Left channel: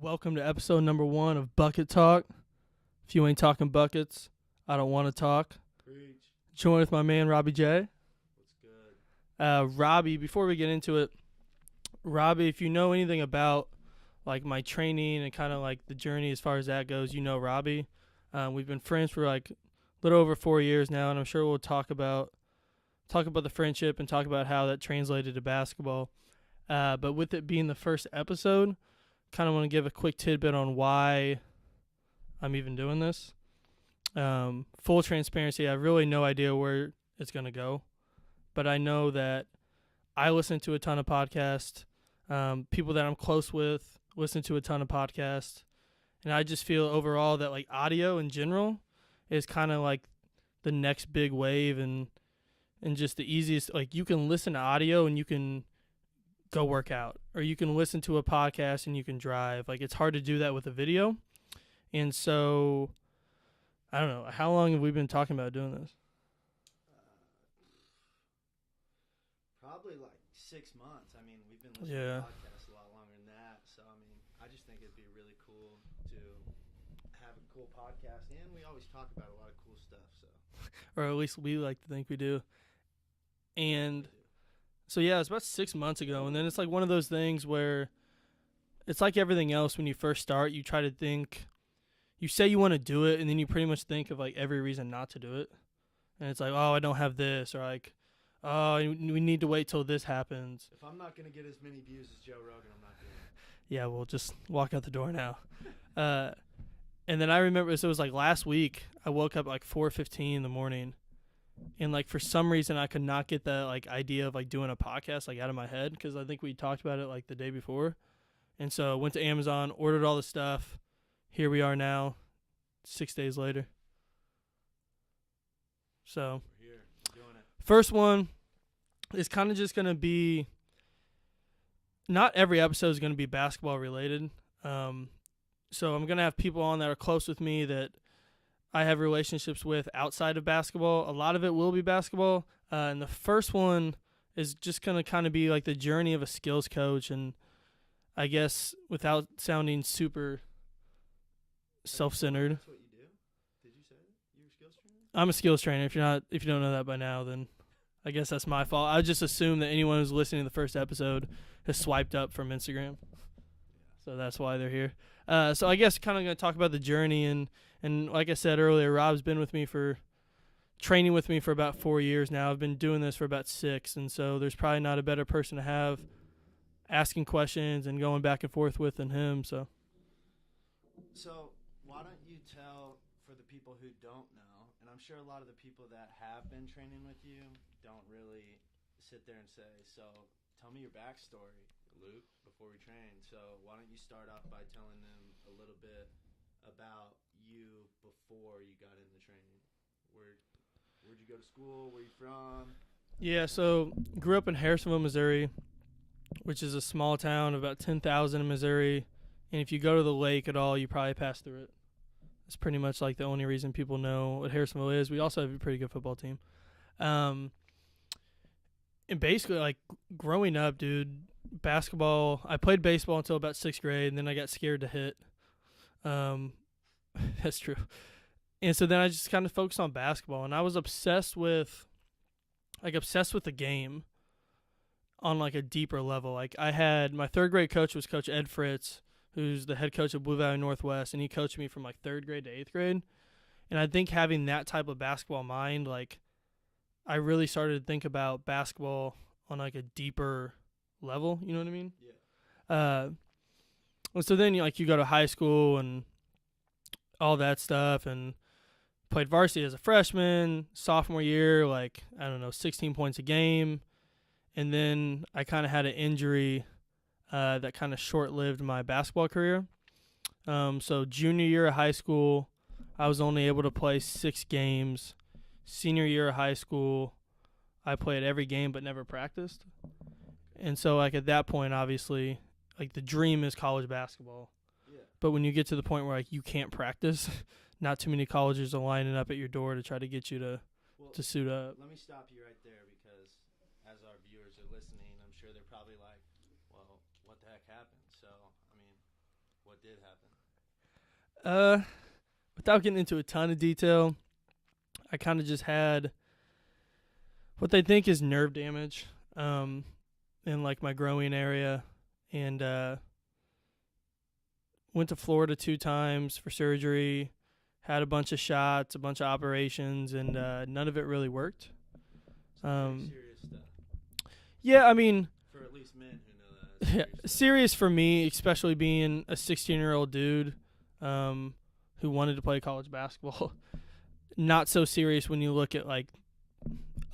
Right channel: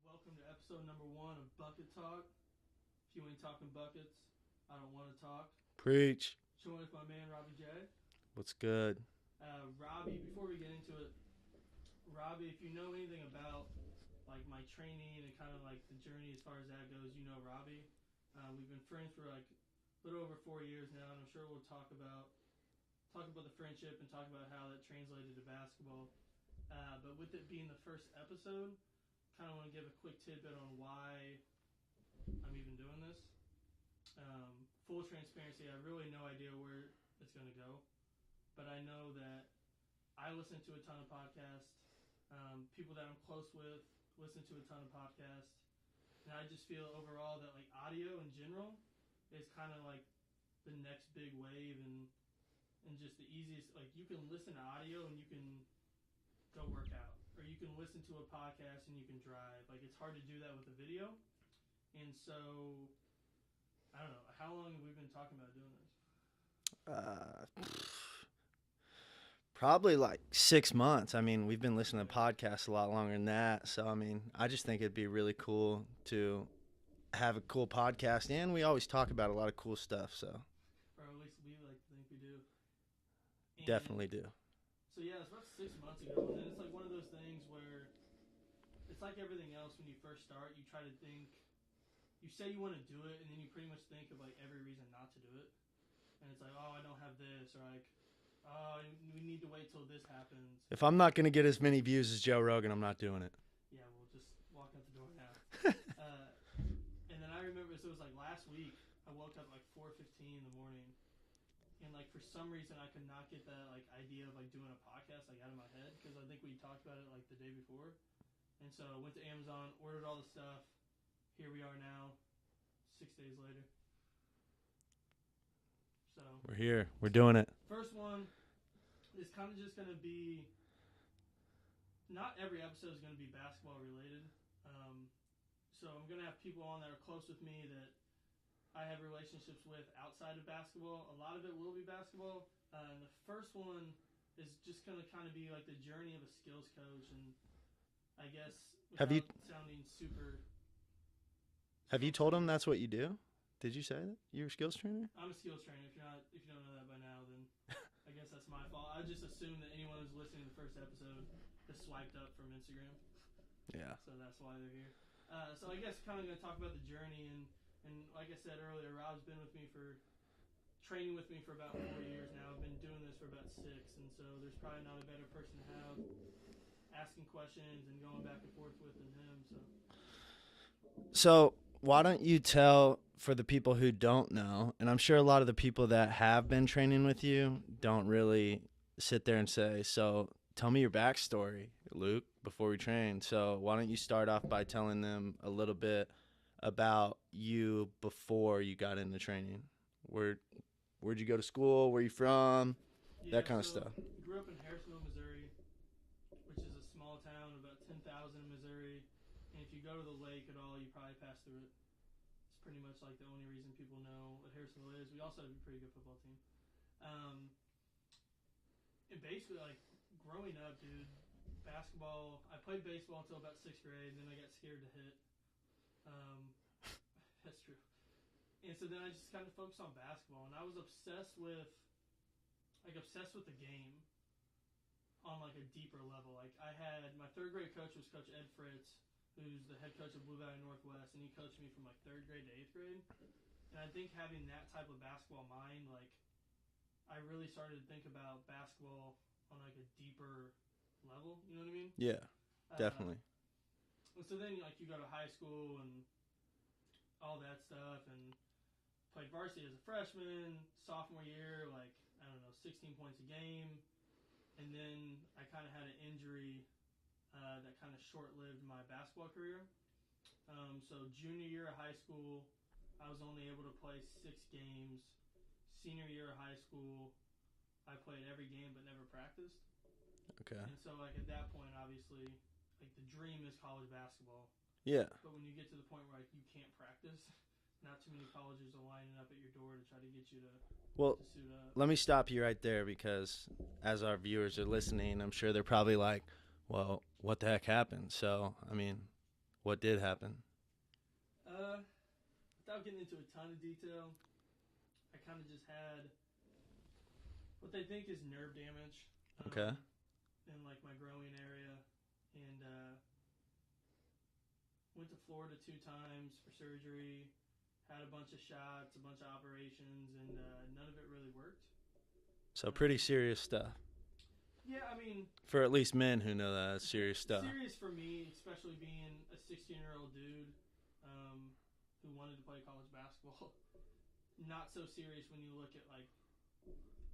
Welcome to episode number 1 of Bucket Talk. If you ain't talking buckets, I don't want to talk. Preach. Join with my man, Robbie J. What's good? Robbie, before we get into it, Robbie, if you know anything about like my training and kind of like the journey as far as that goes, you know Robbie. We've been friends for like a little over 4 years now, and I'm sure we'll talk about the friendship and talk about how that translated to basketball. But with it being the first episode, kind of want to give a quick tidbit on why I'm even doing this. Full transparency, I have really no idea where it's going to go, but I know that I listen to a ton of podcasts. People that I'm close with listen to a ton of podcasts, and I just feel overall that like audio in general is kind of like the next big wave and just the easiest. Like you can listen to audio and you can go work out, or you can listen to a podcast and you can drive. Like it's hard to do that with a video. And so I don't know, how long have we been talking about doing this? Probably like 6 months. I mean, we've been listening Yeah. to podcasts a lot longer than that. So, I mean, I just think it'd be really cool to have a cool podcast. And we always talk about a lot of cool stuff. So, Or at least we like to think we do. And definitely do. so yeah, it's about 6 months ago, and then it's like one of those things where it's like everything else. When you first start, you try to think, you say you want to do it, and then you pretty much think of like every reason not to do it. And it's like, oh, I don't have this, or like, oh, we need to wait till this happens. If I'm not going to get as many views as Joe Rogan, I'm not doing it. Yeah, we'll just walk out the door now. And then I remember, so it was like last week, I woke up at like 4:15 in the morning, and like for some reason I could not get the like idea of like doing a podcast like out of my head, because I think we talked about it like the day before. And so I went to Amazon, ordered all the stuff. Here we are now, 6 days later. So We're here. We're doing it. first one is kind of just going to be, not every episode is going to be basketball related. So I'm going to have people on that are close with me that I have relationships with outside of basketball. A lot of it will be basketball. And the first one is just going to kind of be like the journey of a skills coach. And I guess without sounding super Have you told them self-centered, that's what you do? Did you say that? You're a skills trainer? I'm a skills trainer. If you don't know that by now, then I guess that's my fault. I just assume that anyone who's listening to the first episode has swiped up from Instagram. Yeah. So that's why they're here. So I guess kind of going to talk about the journey. And like I said earlier, Rob's been with me training with me for about 4 years now. I've been doing this for about 6. And so there's probably not a better person to have asking questions and going back and forth with than him. So why don't you tell, for the people who don't know, and I'm sure a lot of the people that have been training with you don't really sit there and say, so tell me your backstory, Luke, before we train. So why don't you start off by telling them a little bit about you before you got into training? Where'd you go to school? Where you from? Yeah, That kinda so stuff. grew up in Harrisonville, Missouri, which is a small town of about 10,000 in Missouri. And if you go to the lake at all, you probably pass through it. It's pretty much like the only reason people know what Harrisonville is. We also have a pretty good football team. And basically, like, growing up, dude, basketball, I played baseball until about 6th grade, and then I got scared to hit. That's true. And so then I just kind of focused on basketball, and I was obsessed with the game on, like, a deeper level. Like, I had, my 3rd grade coach was Coach Ed Fritz, who's the head coach of Blue Valley Northwest, and he coached me from, like, 3rd grade to 8th grade. And I think having that type of basketball mind, like, I really started to think about basketball on, like, a deeper level. You know what I mean? Yeah. Well, so then, you go to high school and all that stuff, and played varsity as a freshman. Sophomore year, like, I don't know, 16 points a game. And then I kind of had an injury that kind of short-lived my basketball career. So junior year of high school, I was only able to play 6 games. Senior year of high school, I played every game but never practiced. Okay. And so, like, at that point, obviously, like, the dream is college basketball. Yeah. But when you get to the point where, like, you can't practice, not too many colleges are lining up at your door to try to get you to suit up. Let me stop you right there, because as our viewers are listening, I'm sure they're probably like, well, what the heck happened? So, I mean, What did happen? Without getting into a ton of detail, I kind of just had what they think is nerve damage in like my groin area, and went to Florida 2 times for surgery, had a bunch of shots, a bunch of operations, and none of it really worked. So pretty serious stuff. Yeah, I mean, for at least men who know that, it's serious stuff. Serious for me, especially being a 16-year-old dude who wanted to play college basketball. Not so serious when you look at like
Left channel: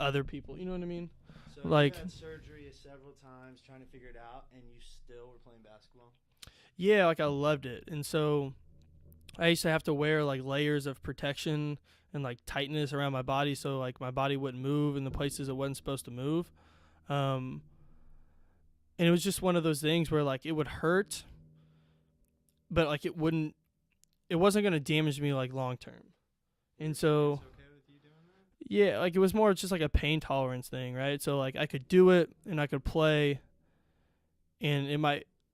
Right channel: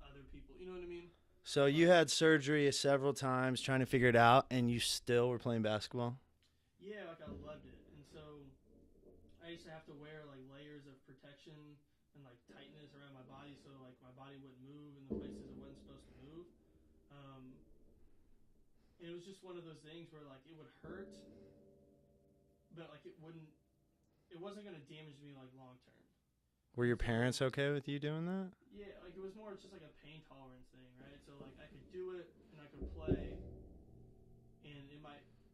other people. You know what I mean? So like, you had surgery several times trying to figure it out, and you still were playing basketball? Yeah, like I loved it. And so I used to have to wear like layers of protection and like tightness around my body so like my body wouldn't move in the places it wasn't supposed to move. And it was just one of those things where like it would hurt, but like it wasn't going to damage me like long term. Were your parents okay with you doing that? Yeah, like it was more just like a pain tolerance thing, right? So like I could do it and I could play, and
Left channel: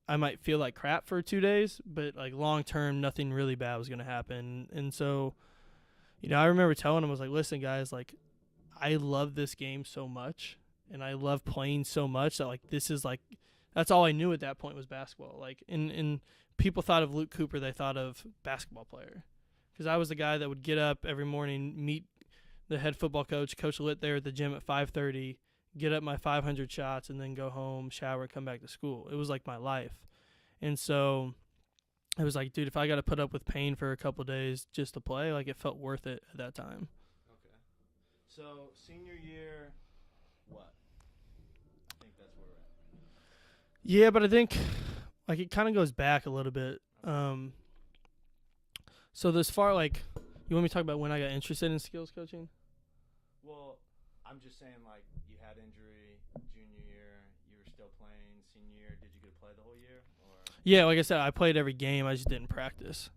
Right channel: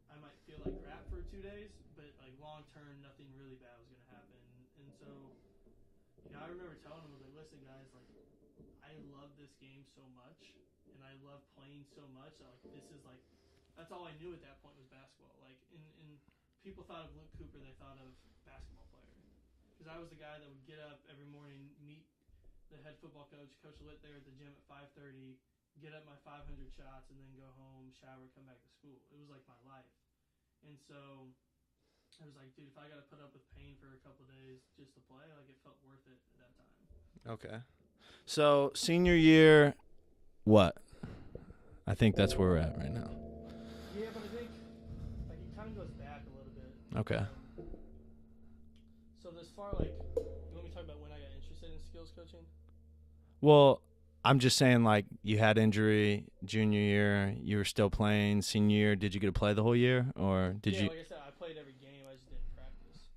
I might feel like crap for 2 days, but like long term, nothing really bad was gonna happen. And so, you know, I remember telling them, I was like, listen, guys, like I love this game so much, and I love playing so much that like this is like that's all I knew at that point was basketball. Like, and people thought of Luke Cooper, they thought of basketball player. Because I was the guy that would get up every morning, meet the head football coach, Coach Litt there at the gym at 5:30, get up my 500 shots, and then go home, shower, come back to school. It was like my life. And so it was like, dude, if I got to put up with pain for a couple of days just to play, like it felt worth it at that time. Okay. So senior year, what? I think that's where we're at right now. Yeah, but I think like it kind of goes back a little bit. Okay. So this far, like, you want me to talk about when I got interested in skills coaching? Well, I'm just saying, like, you had injury junior year, you were still playing senior year. Did you get to play the whole year, or did you? Like I said, I played every game. I just didn't practice.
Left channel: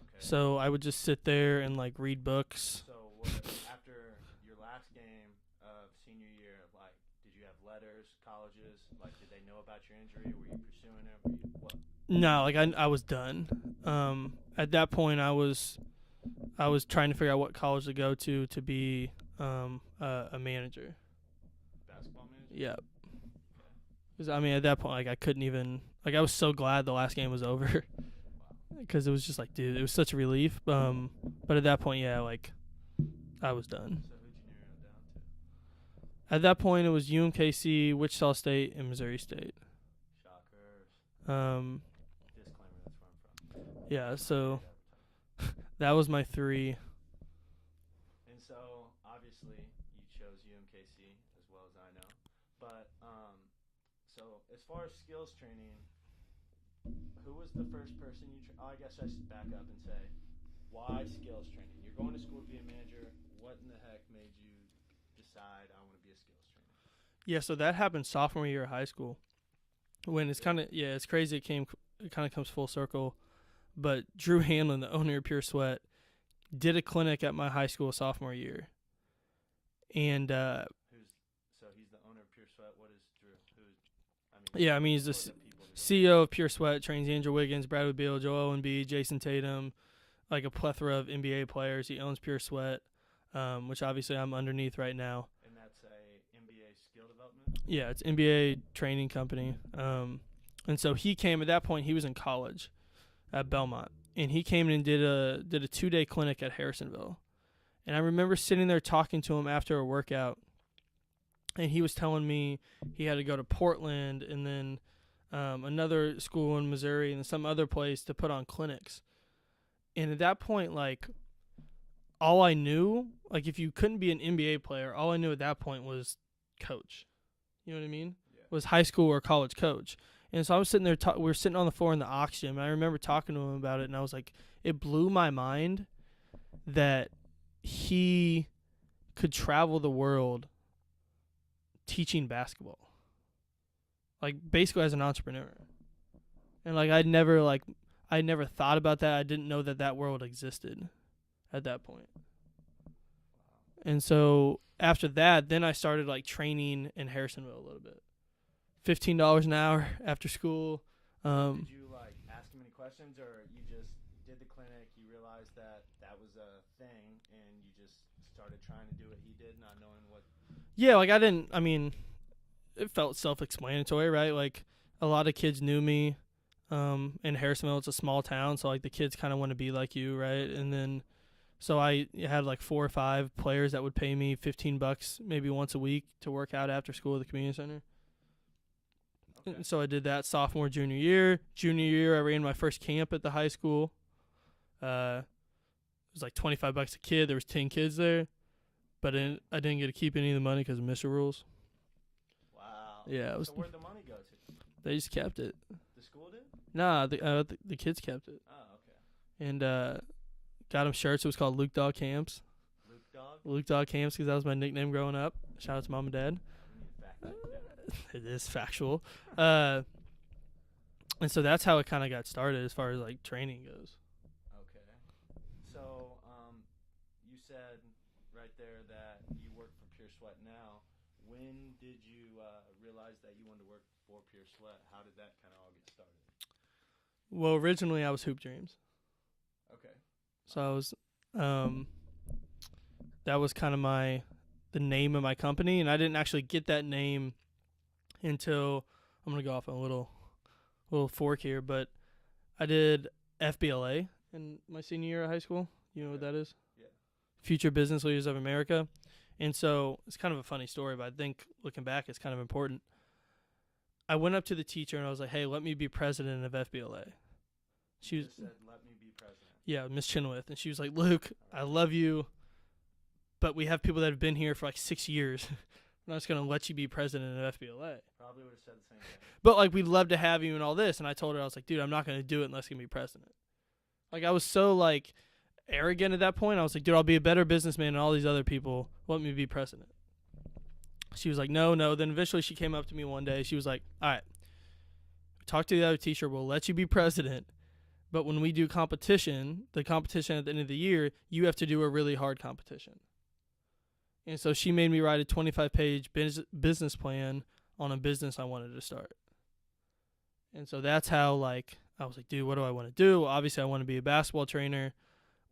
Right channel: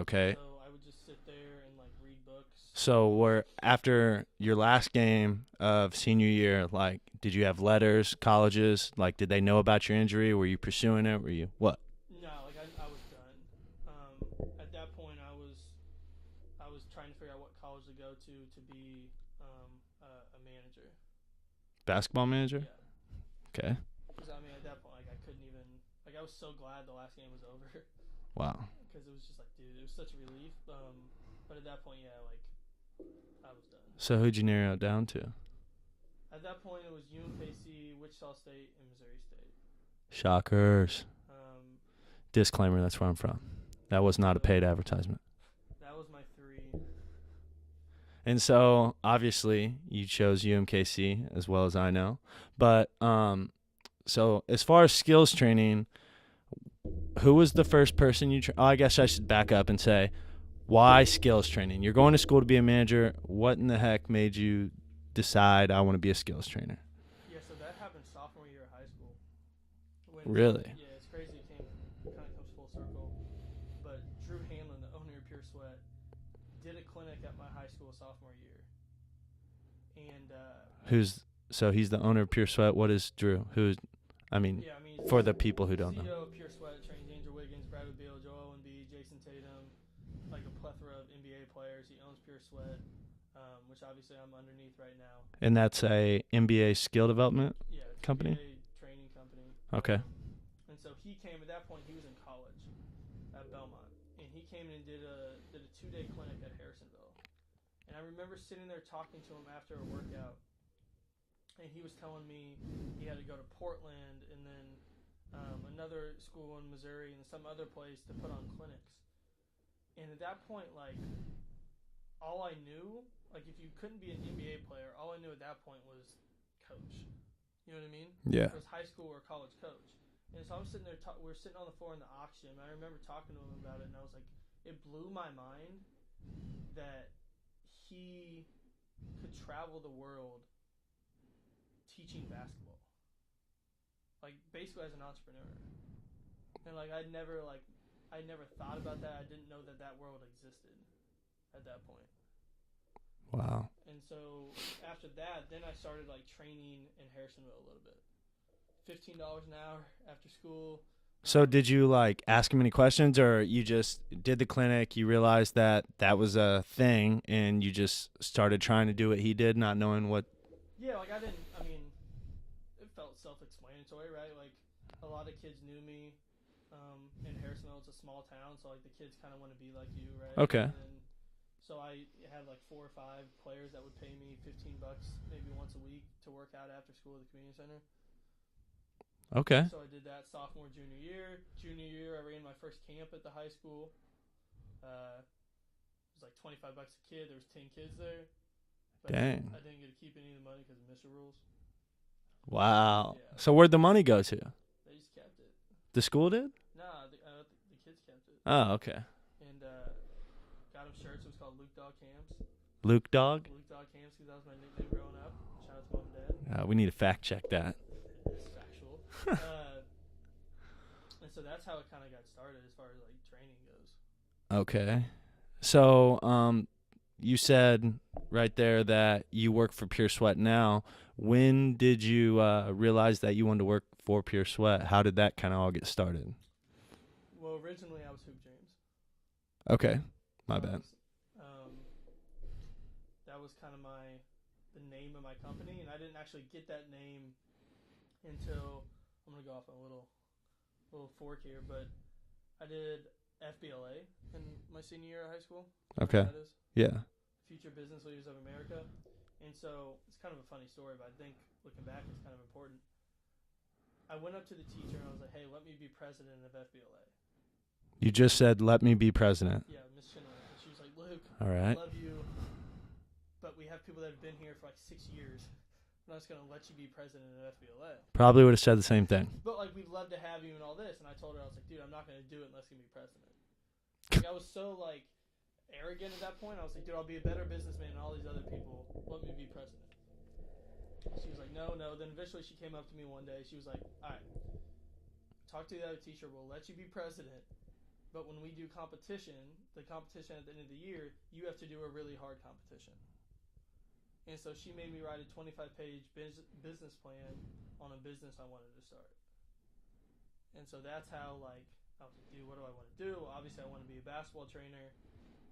Okay. So I would just sit there and like read books. So after your last game of senior year, like, did you have letters, colleges? Like, did they know about your injury? Were you pursuing it? Were you what? No, like I was done. At that point, I was trying to figure out what college to go to be a manager. Basketball manager? Yeah. Okay. Because I mean, at that point, like I couldn't even like I was so glad the last game was over. Wow. Because it was just like, dude, it was such a relief. But at that point, yeah, like I was done. So who'd you narrow it down to? At that point, it was UMKC, Wichita State, and Missouri State. Shockers. Disclaimer, that's where I'm from. That was not a paid advertisement. That was my 3. And so, obviously, you chose UMKC as well as I know. But so as far as skills training, who was the first person you I guess I should back up and say, why skills training? You're going to school to be a manager. What in the heck made you decide I want to be a skills trainer? Yeah, so that happened sophomore year of high school. When it's really? It's crazy. It kind of comes full circle. But Drew Hanlon, the owner of Pure Sweat, did a clinic at my high school sophomore year. And he's the owner of Pure Sweat. What is Drew? He's for the people who don't CEO know. of Pure Sweat, trains Andrew Wiggins, Bradley Beal, Joel Embiid, Jason Tatum, like a plethora of NBA players. He owns Pure Sweat, which obviously I'm underneath right now. And that's a NBA skill development? Yeah, it's company? NBA training company. Okay. And so he came, at that point he was in college at Belmont. And he came in and did a 2-day clinic at Harrisonville. And I remember sitting there talking to him after a workout. And he was telling me he had to go to Portland and then another school in Missouri and some other place to put on clinics. And at that point, like, all I knew, like, if you couldn't be an NBA player, all I knew at that point was coach. You know what I mean? Yeah. It was high school or college coach. And so I was sitting there, we were sitting on the floor in the Ox gym, and I remember talking to him about it, and I was like, it blew my mind that he could travel the world teaching basketball. Like, basically as an entrepreneur. And, like, I never thought about that. I didn't know that world existed at that point. Wow. And so after that, then I started, like, training in Harrisonville a little bit. $15 an hour after school. So did you like ask him any questions, or you just did the clinic, you realized that that was a thing, and you just started trying to do what he did, not knowing what? Yeah, like it felt self-explanatory, right? Like a lot of kids knew me. In Harrisonville, it's a small town, so like the kids kind of want to be like you, right? Okay. And then, so I had like 4 or 5 players that would pay me $15 maybe once a week to work out after school at the community center. Okay. So I did that sophomore, junior year. Junior year, I ran my first camp at the high school. It was like $25 a kid. There was 10 kids there, but I didn't get to keep any of the money because of MISHA rules. Wow. Yeah. So where'd the money go to? They just kept it. The school did? Nah, the kids kept it. Oh, okay. And got them shirts. It was called Luke Dog Camps. Luke Dog? Luke Dog Camps, because that was my nickname growing up. Shout out to mom and dad. We need to fact check that. It is factual. And so that's how it kind of got started as far as like training goes. Okay. So you said right there that you work for Pure Sweat now. When did you realize that you wanted to work for Pure Sweat? How did that kind of all get started? Well, originally I was Hoop Dreams. Okay. So I was, that was kind of the name of my company, and I didn't actually get that name until, I'm gonna go off on a little fork here, but I did FBLA in my senior year of high school. You know what that is? Yeah. Future Business Leaders of America. And so it's kind of a funny story, but I think looking back, it's kind of important. I went up to the teacher and I was like, hey, let me be president of FBLA. You just said, let me be president. Yeah, Miss Chenoweth. And she was like, Luke, all right. I love you, but we have people that have been here for like 6 years. I'm not just going to let you be president of FBLA. Probably would have said the same thing. But like, we'd love to have you and all this. And I told her, I was like, dude, I'm not going to do it unless you can be president. Like, I was so like arrogant at that point. I was like, dude, I'll be a better businessman than all these other people. Let me be president. She was like, no. Then eventually she came up to me one day. She was like, all right, talk to the other teacher. We'll let you be president. But when we do competition, the competition at the end of the year, you have to do a really hard competition. And so she made me write a 25-page business plan on a business I wanted to start. And so that's how, like, I was like, dude, what do I want to do? Well, obviously, I want to be a basketball trainer.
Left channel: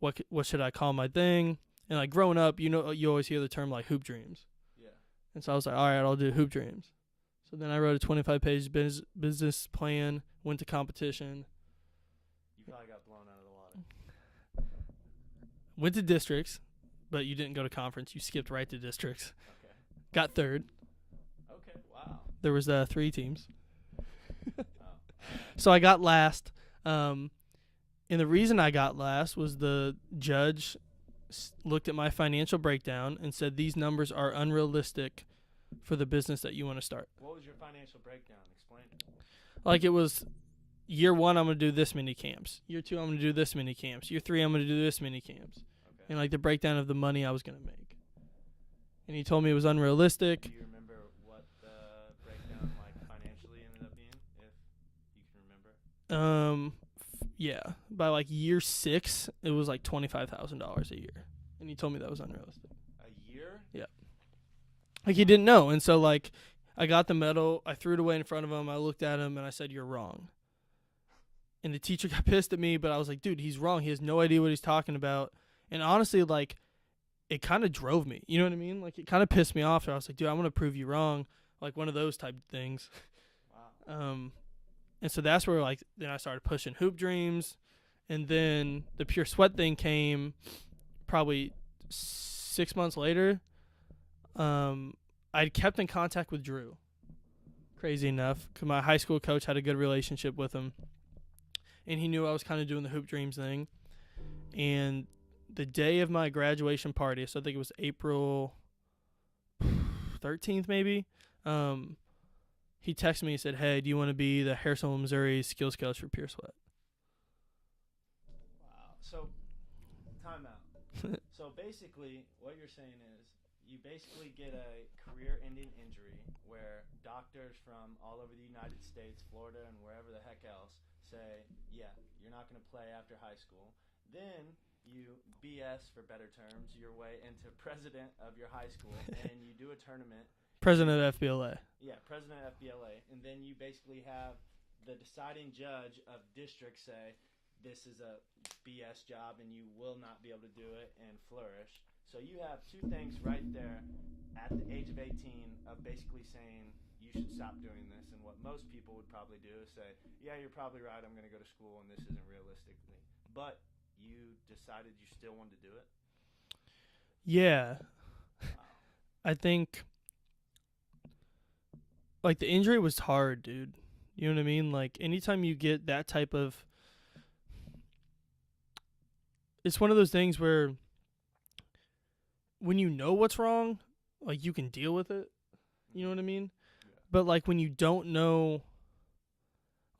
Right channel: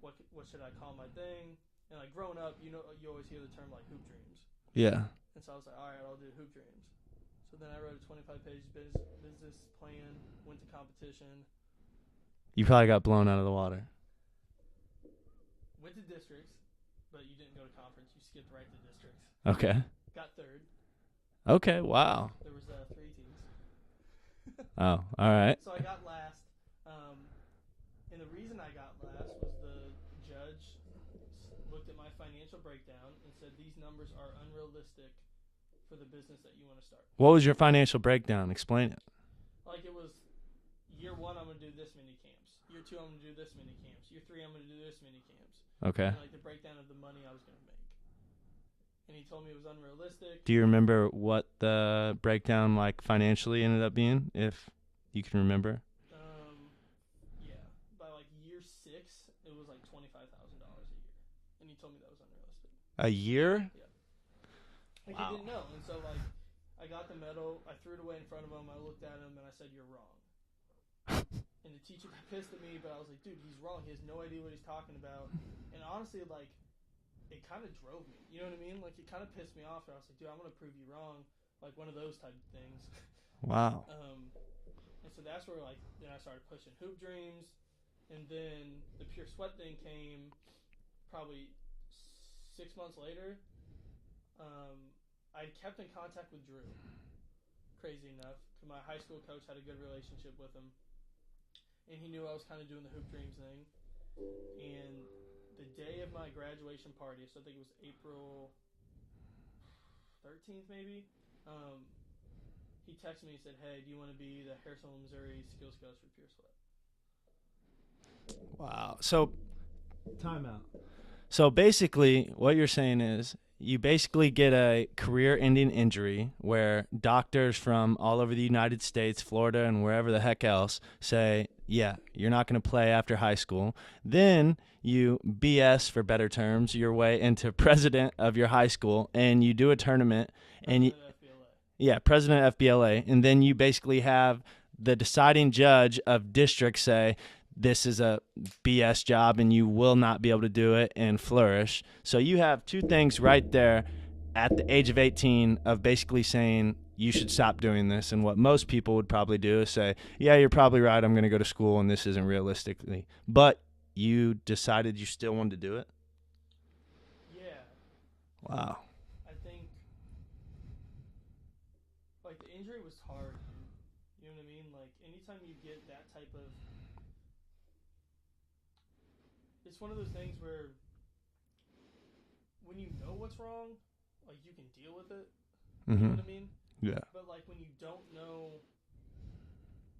What should I call my thing? And, like, growing up, you know, you always hear the term, like, hoop dreams. Yeah. And so I was like, all right, I'll do hoop dreams. So then I wrote a 25-page business plan, went to competition. You probably got blown out of the water. Went to districts, but you didn't go to conference. You skipped right to districts. Okay. Got third. Okay, wow. There was 3 teams. Oh, all right. So I got last. And the reason I got last was the judge looked at my financial breakdown and said these numbers are unrealistic for the business that you want to start. What was your financial breakdown? Explain it. Like, it was year 1, I'm going to do this many camps. Year 2, I'm going to do this many camps. Year 3, I'm going to do this many camps. Okay. And, like, the breakdown of the money I was going to make. And he told me it was unrealistic. Do you remember what the breakdown, like, financially ended up being, if you can remember? Yeah. By, like, year 6, it was, like, $25,000 a year. And he told me that was unrealistic. A year? Yeah. Like, he didn't know. And so, like, I got the medal. I threw it away in front of him. I looked at him, and I said, you're wrong. And the teacher got pissed at me, but I was like, dude, he's wrong. He has no idea what he's talking about. And honestly, like, it kind of drove me. You know what I mean? Like, it kind of pissed me off. I was like, dude, I'm going to prove you wrong. Like, one of those type of things. Wow. And so that's where, like, then I started pushing Hoop Dreams. And then the Pure Sweat thing came probably 6 months later. I'd kept in contact with Drew. Crazy enough, because my high school coach had a good relationship with him. And he knew I was kind of doing the Hoop Dreams thing. And the day of my graduation party, so I think it was April 13th maybe, he texted me and said, hey, do you want to be the Harrisonville, Missouri skills coach for Pure Sweat? Wow. So, time out. So basically, what you're saying is you basically get a career-ending injury where doctors from all over the United States, Florida, and wherever the heck else say, yeah, you're not going to play after high school. Then you BS, for better terms, your way into president of your high school, and you do a tournament. President of FBLA. Yeah, president of FBLA. And then you basically have the deciding judge of districts say this is a BS job and you will not be able to do it and flourish. So you have two things right there at the age of 18 of basically saying you should stop doing this. And what most people would probably do is say, yeah, you're probably right. I'm going to go to school and this isn't realistically. But you decided you still wanted to do it? Yeah. Wow. I think, like, the injury was hard, dude. You know what I mean? Like, anytime you get that type of, it's one of those things where when you know what's wrong, like, you can deal with it. You know what I mean? Yeah. But, like, when you don't know,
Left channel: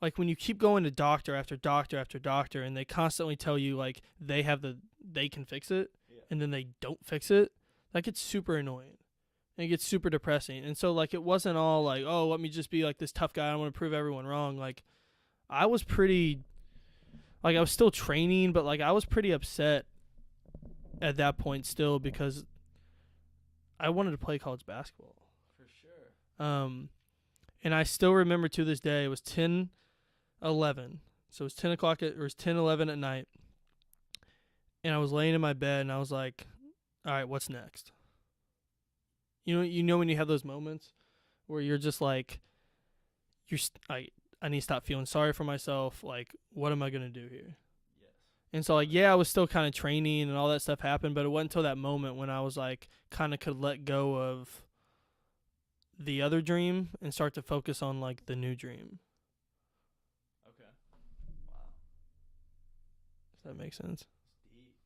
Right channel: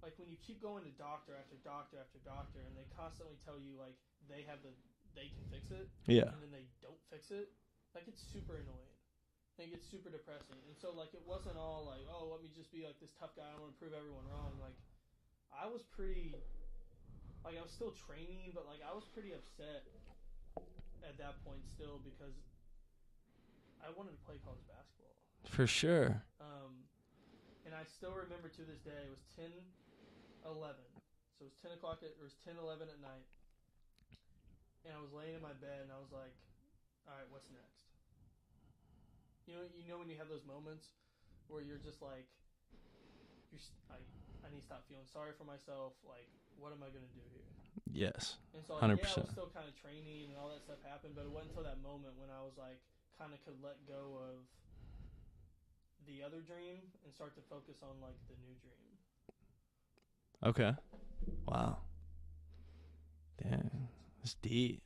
like, when you keep going to doctor after doctor after doctor and they constantly tell you, like, they can fix it. Yeah. And then they don't fix it, that gets super annoying. And it gets super depressing. And so, like, it wasn't all like, oh, let me just be, like, this tough guy. I want to prove everyone wrong. Like, I was pretty, like, I was still training, but, like, I was pretty upset at that point still because I wanted to play college basketball. For sure. And I still remember to this day, it was 10:11. So it was 10 o'clock, or it was 10:11 at night. And I was laying in my bed, and I was like, all right, what's next? You know when you have those moments where you're just like, I need to stop feeling sorry for myself. Like, what am I going to do here? Yes. And so, like, 100%. yeah, I was still kind of training and all that stuff happened, but it wasn't until that moment when I was, like, kind of could let go of the other dream and start to focus on, like, the new dream. Okay. Wow. Does that make sense? It's deep.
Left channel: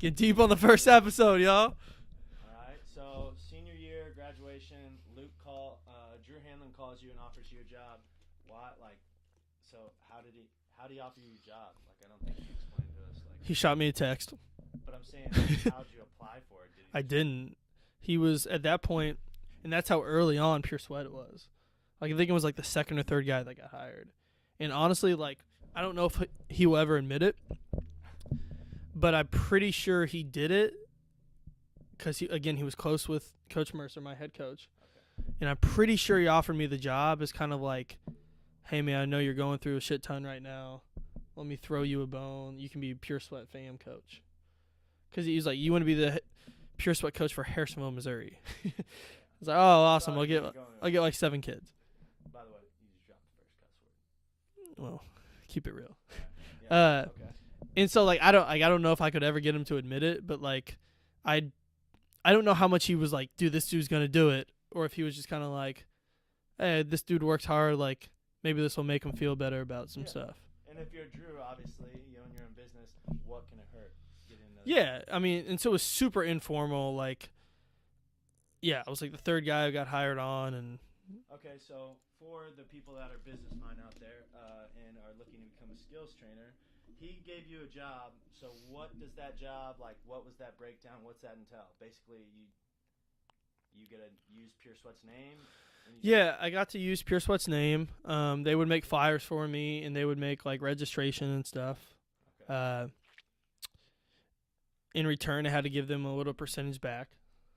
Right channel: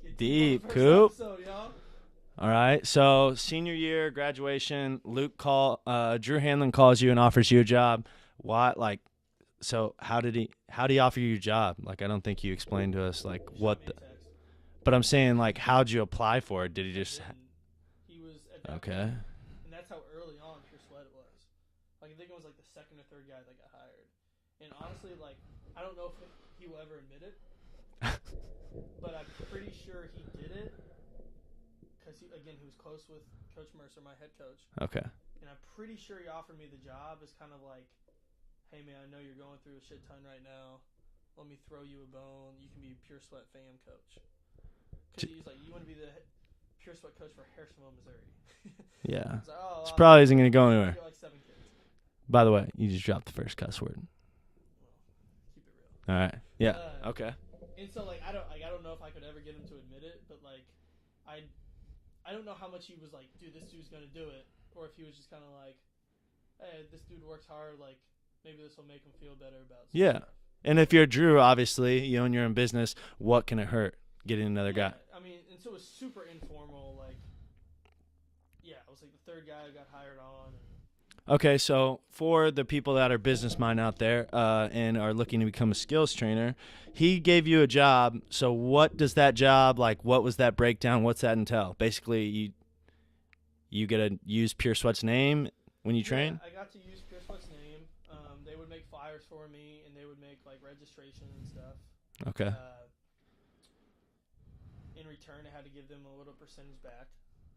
Get deep on the first Coop. episode, y'all. All right. So senior year, graduation, Drew Hanlon calls you and offers you a job. What, like, so how did he offer you a job? Like, I don't think you explained to us, like, He shot me a text. But I'm saying, like, how'd you apply for it? Did he just? I didn't. He was at that point, and that's how early on Pure Sweat it was. Like, I think it was like the second or third guy that got hired. And honestly, like, I don't know if he will ever admit it, but I'm pretty sure he did it because, he was close with Coach Mercer, my head coach. Okay. And I'm pretty sure he offered me the job as kind of like, hey, man, I know you're going through a shit ton right now. Let me throw you a bone. You can be Pure Sweat fam coach. Because he was like, you want to be the Pure Sweat coach for Harrisonville, Missouri. Yeah. I was like, oh, awesome. Probably isn't going to go anywhere. I'll get like 7 kids. By the way, you just dropped the first cuss word. Well, keep it real. All right. Yeah. Okay. And so, like, I don't know if I could ever get him to admit it, but, like, I don't know how much he was like, dude, this dude's going to do it, or if he was just kind of like, hey, this dude works hard, like, maybe this will make him feel better about some stuff. And if you're Drew, obviously, you own your own business, what can it hurt getting another guy? Yeah, I mean, and so it was super informal, like, yeah, I was like the third guy who got hired on. And okay, so for the people that are business mind out there and are looking to become a skills trainer, he gave you a job. So what does that job, like, what was that breakdown? What's that entail? Basically, you get to use Pure Sweat's name when you train? Yeah, I got to use Pure Sweat's name. They would make flyers for me, and they would make, like, registration and stuff. Okay. In return, I had to give them a little percentage back.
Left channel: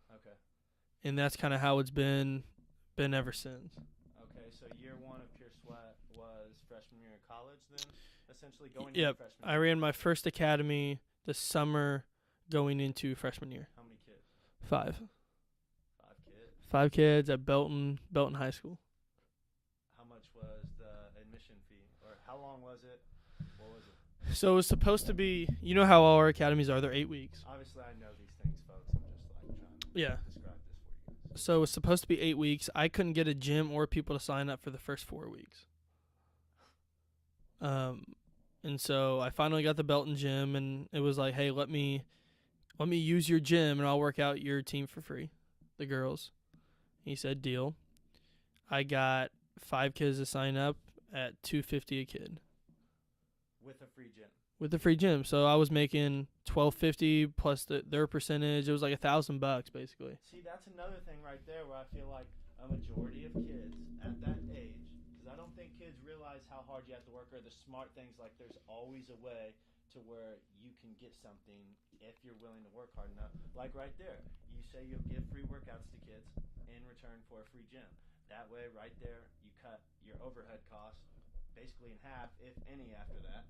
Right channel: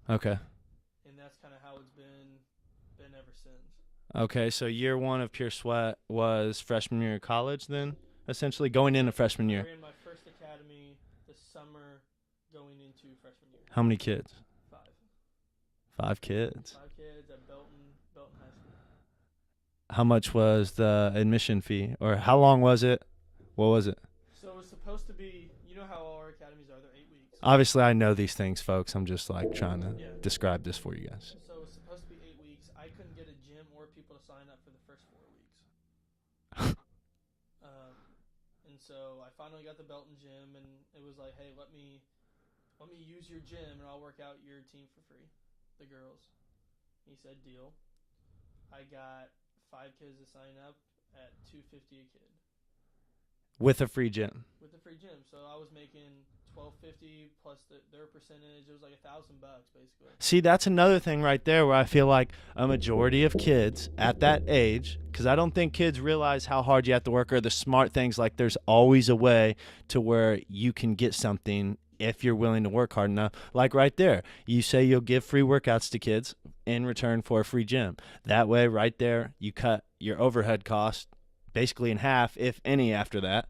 Okay. And that's kind of how it's been ever since. Okay, so year 1 of Pure Sweat was freshman year of college then, essentially going into freshman year. I ran my first academy the summer going into freshman year. How many kids? 5. 5 kids. 5 kids at Belton High School. How much was the admission fee, or how long was it? What was it? So it was supposed to be, you know how all our academies are, they're 8 weeks. Obviously, I know these things, folks. I'm just, like, trying to describe this for you guys. So it was supposed to be 8 weeks. I couldn't get a gym or people to sign up for the first 4 weeks. And so I finally got the Belton gym, and it was like, hey, let me use your gym, and I'll work out your team for free, the girls. He said, deal. I got 5 kids to sign up at $250 a kid. With a free gym. With the free gym. So I was making $1,250 plus their percentage. It was like $1,000 basically. See, that's another thing right there where I feel like a majority of kids at that age, because I don't think kids realize how hard you have to work or the smart things, like there's always a way to where you can get something if you're willing to work hard enough. Like right there, you say you'll give free workouts to kids in return for a free gym. That way right there, you cut your overhead cost basically in half, if any, after that,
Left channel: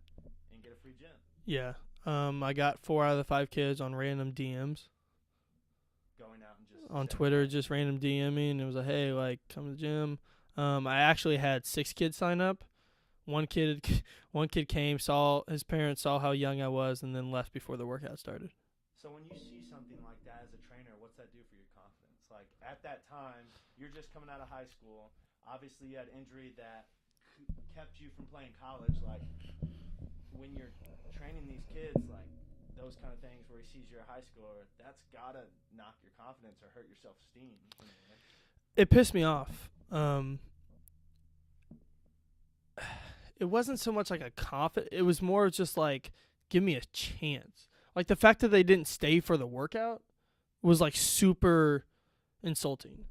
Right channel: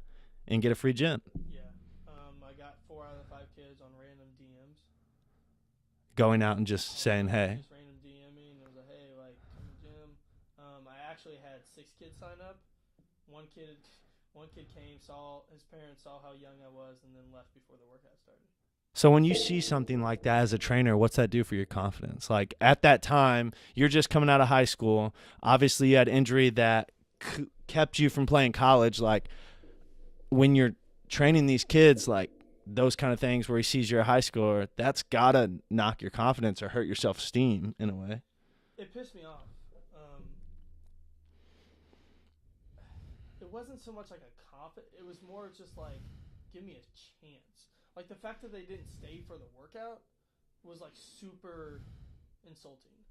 and get a free gym. Yeah. I got 4 out of the 5 kids on random DMs. Going out and just On saying, Twitter, hey. just random DMing. And it was like, hey, like, come to the gym. I actually had 6 kids sign up. One kid came, his parents saw how young I was, and then left before the workout started. So when you see something like that as a trainer, what's that do for your confidence? Like at that time, you're just coming out of high school. Obviously, you had injury that kept you from playing college. Like when you're training these kids, like those kind of things where he sees you're a high schooler, that's got to knock your confidence or hurt your self-esteem in a way. It pissed me off. It wasn't so much like a confidence. It was more just like, give me a chance. Like the fact that they didn't stay for the workout was like super insulting.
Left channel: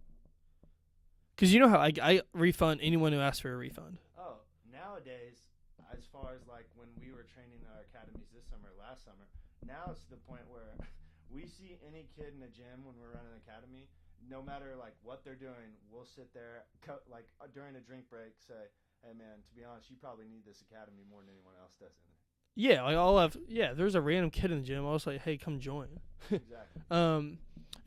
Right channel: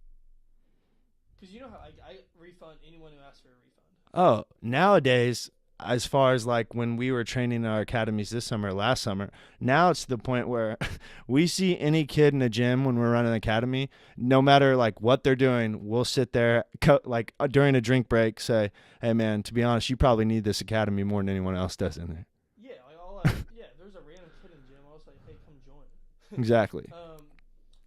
Because you know how I refund anyone who asks for a refund. Oh, nowadays, as far as like when we were training in our academies this summer, last summer, now it's to the point where we see any kid in a gym when we're running an academy, no matter like what they're doing, we'll sit there like during a drink break, say, hey man, to be honest, you probably need this academy more than anyone else does in there. Yeah, like there's a random kid in the gym. I was like, hey, come join. Exactly. And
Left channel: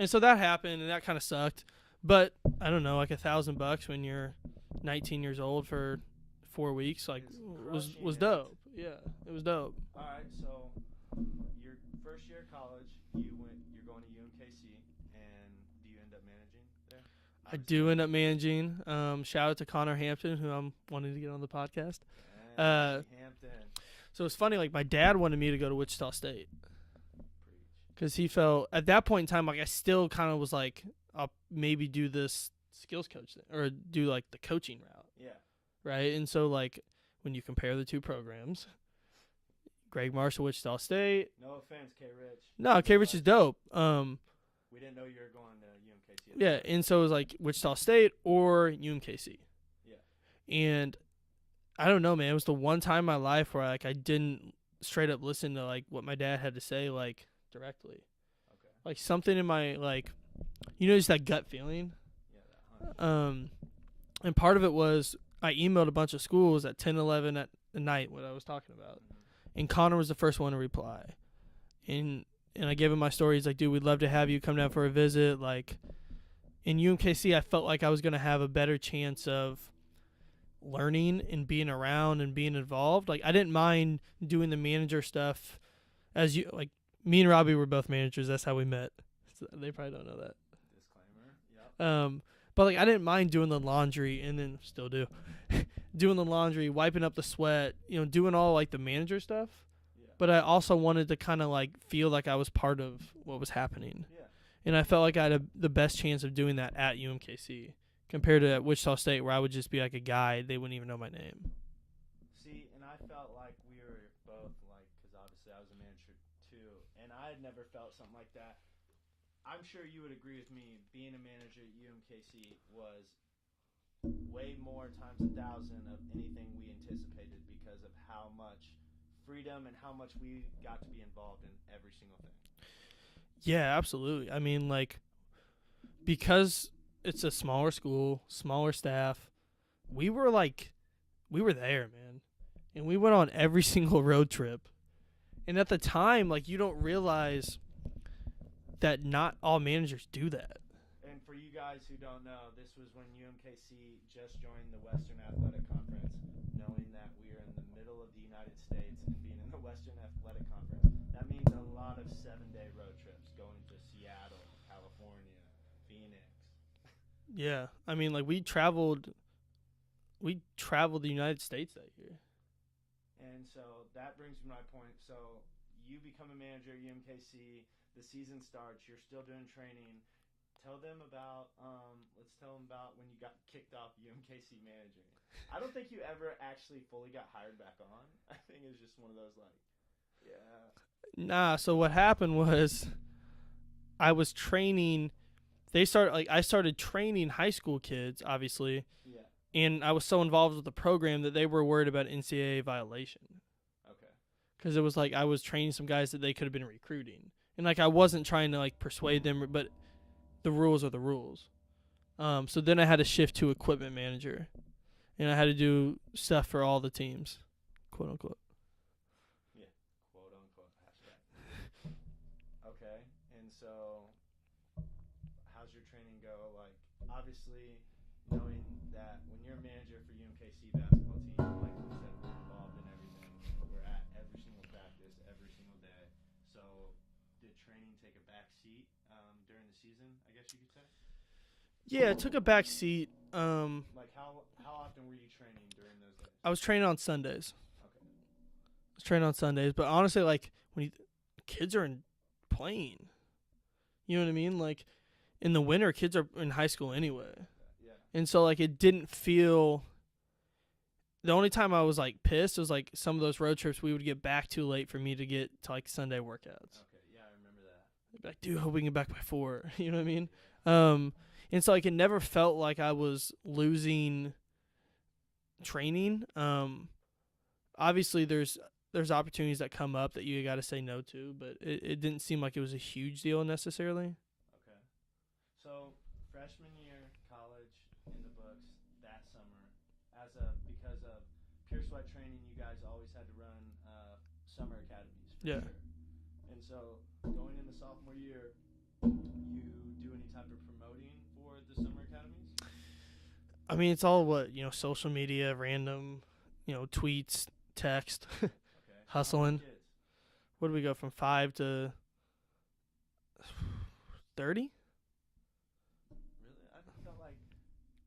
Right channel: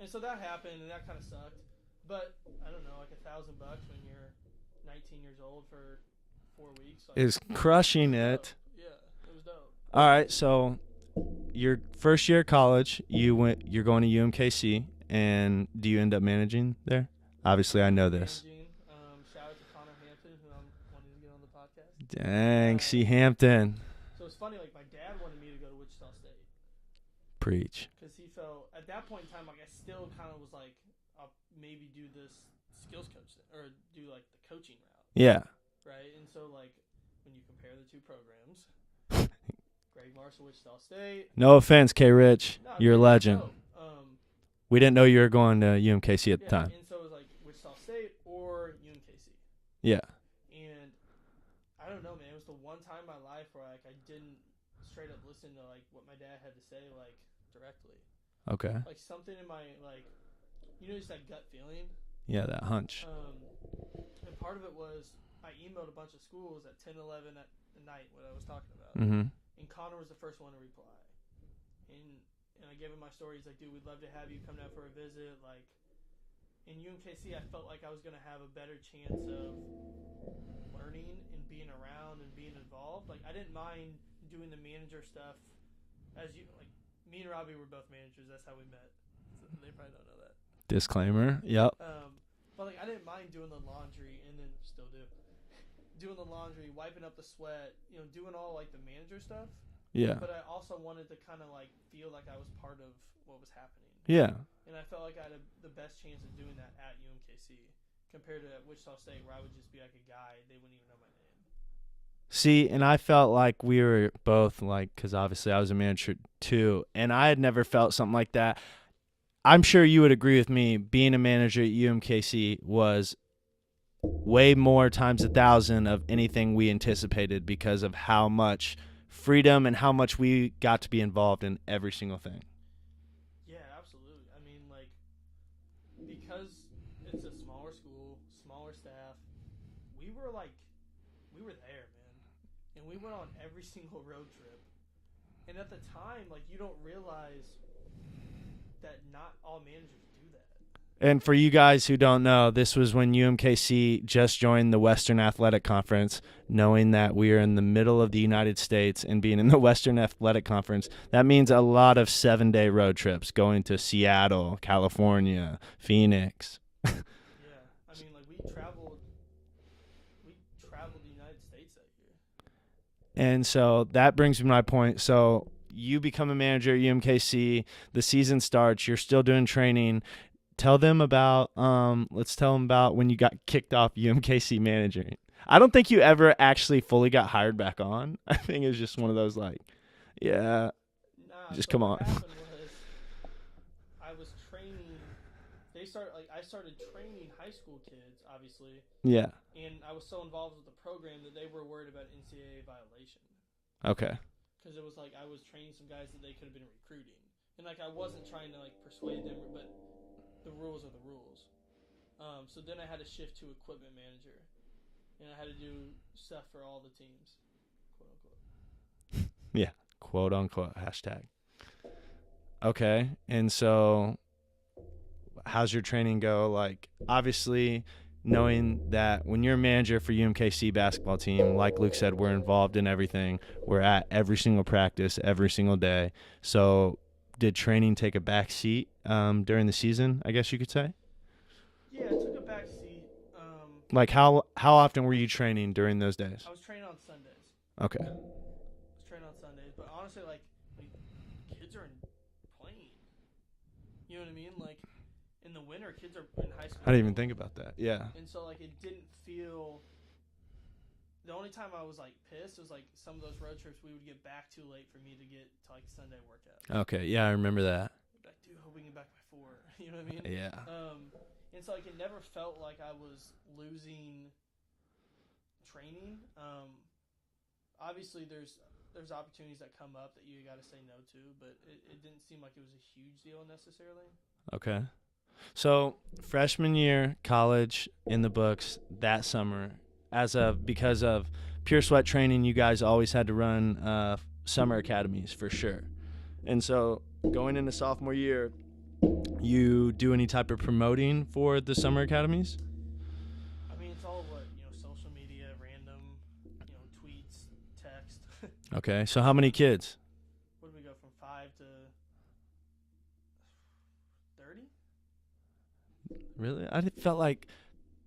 so that happened, and that kind of sucked. But I don't know, like $1,000 when you're 19 years old for 4 weeks, like is crushing it. Dope. Yeah, it was dope. All right, so your first year of college, you're going to UMKC, and do you end up managing there? Obviously, I know this. Managing. Shout out to Connor Hampton, who I'm wanting to get on the podcast. Dang, see Hampton. So it's funny, like my dad wanted me to go to Wichita State. Preach. Because he felt, at that point in time, like I still kind of was like, I'll maybe do this skills coach thing, or do like the coaching route. Yeah. Right? And so like when you compare the two programs, Greg Marshall, Wichita State. No offense, K. Rich. No, you're K. a Rich legend. is dope. We didn't know you were going to UMKC at the time. Yeah, and so it was like Wichita State or UMKC. Yeah. And I don't know, man. It was the one time in my life where like I didn't straight up listen to like what my dad had to say like directly. Okay. Like something in my like, just that gut feeling. Yeah, that hunch. And part of it was I emailed a bunch of schools at 10, 11 at night, what I was talking about. Mm-hmm. And Connor was the first one to reply. And I gave him my story. He's like, dude, we'd love to have you come down for a visit. Like, in UMKC, I felt like I was going to have a better chance of learning and being around and being involved. Like, I didn't mind doing the manager stuff. Me and Robbie were both managers. That's how we met. So they probably don't know that. Disclaimer. Yep. But, like, I didn't mind doing the laundry, and then still do. Doing the laundry, wiping up the sweat, doing all, like, the manager stuff. Yeah. But I also wanted to kind of, like, feel like I was part of what was happening. Yeah. And I felt like I had the best chance of doing that at UMKC compared to at Wichita State, where I would just be, like, a guy. They wouldn't even know my name. See, and I felt like we were both, like, because obviously I was a manager too, and I had never felt something like that. I'm sure you would agree with me, being a manager at UMKC was way more times 1,000 of anything we anticipated because of how much freedom and how much we got to be involved in every single thing. Yeah, absolutely. I mean, like, because it's a smaller school, smaller staff, we were there, man. And we went on every single road trip. And at the time, like, you don't realize that not all managers do that. And for you guys who don't know, this was when UMKC just joined the Western Athletic Conference, knowing that we are in the middle of the United States and being in the Western Athletic Conference. That means a lot of 7-day road trips going to Seattle, California, Phoenix. Yeah. I mean, like, we traveled the United States that year. And so that brings me to my point. So you become a manager at UMKC, the season starts, you're still doing training. Tell them about let's tell them about when you got kicked off UMKC managing. I don't think you ever actually fully got hired back on. I think it was just one of those like, yeah. Nah, so what happened was I was training I started training high school kids, obviously. Yeah. And I was so involved with the program that they were worried about NCAA violation. Okay. Because it was like I was training some guys that they could have been recruiting. And like I wasn't trying to like persuade them, but the rules are the rules. So then I had to shift to equipment manager. and I had to do stuff for all the teams, quote unquote. Yeah, quote unquote hashtag. Okay, and so how's your training go? Like, obviously, knowing that when you're a manager for UMKC basketball team, like Luke said, we're involved in everything. We're at every single practice, every single day. So did training take a back seat during the season, I guess you could say? Yeah, it took a back seat. Like, how often were you training during those days? I was training on Sundays. Okay. But honestly, like, when kids are playing, you know what I mean? Like, in the winter, kids are in high school I didn't anyway. even think about that. Yeah. And so, like, it didn't feel – the only time I was, like, pissed was, like, some of those road trips we would get back too late for me to get to, like, Sunday workouts. Okay. Yeah, I remember that. I'd be like, dude, I hope we can get back by 4. You know what I mean? Yeah. And so, like, it never felt like I was losing training. Obviously, there's opportunities that come up that you got to say no to, but it didn't seem like it was a huge deal necessarily. Okay. So freshman year, college in the books that summer, because of Pure Sweat training, you guys always had to run summer academies for sure. And so going into sophomore year, you do any type of promoting for the summer academies? I mean, it's all social media, random, tweets, text. Okay. So how many kids? What do we go from 5 to 30? Really? I felt like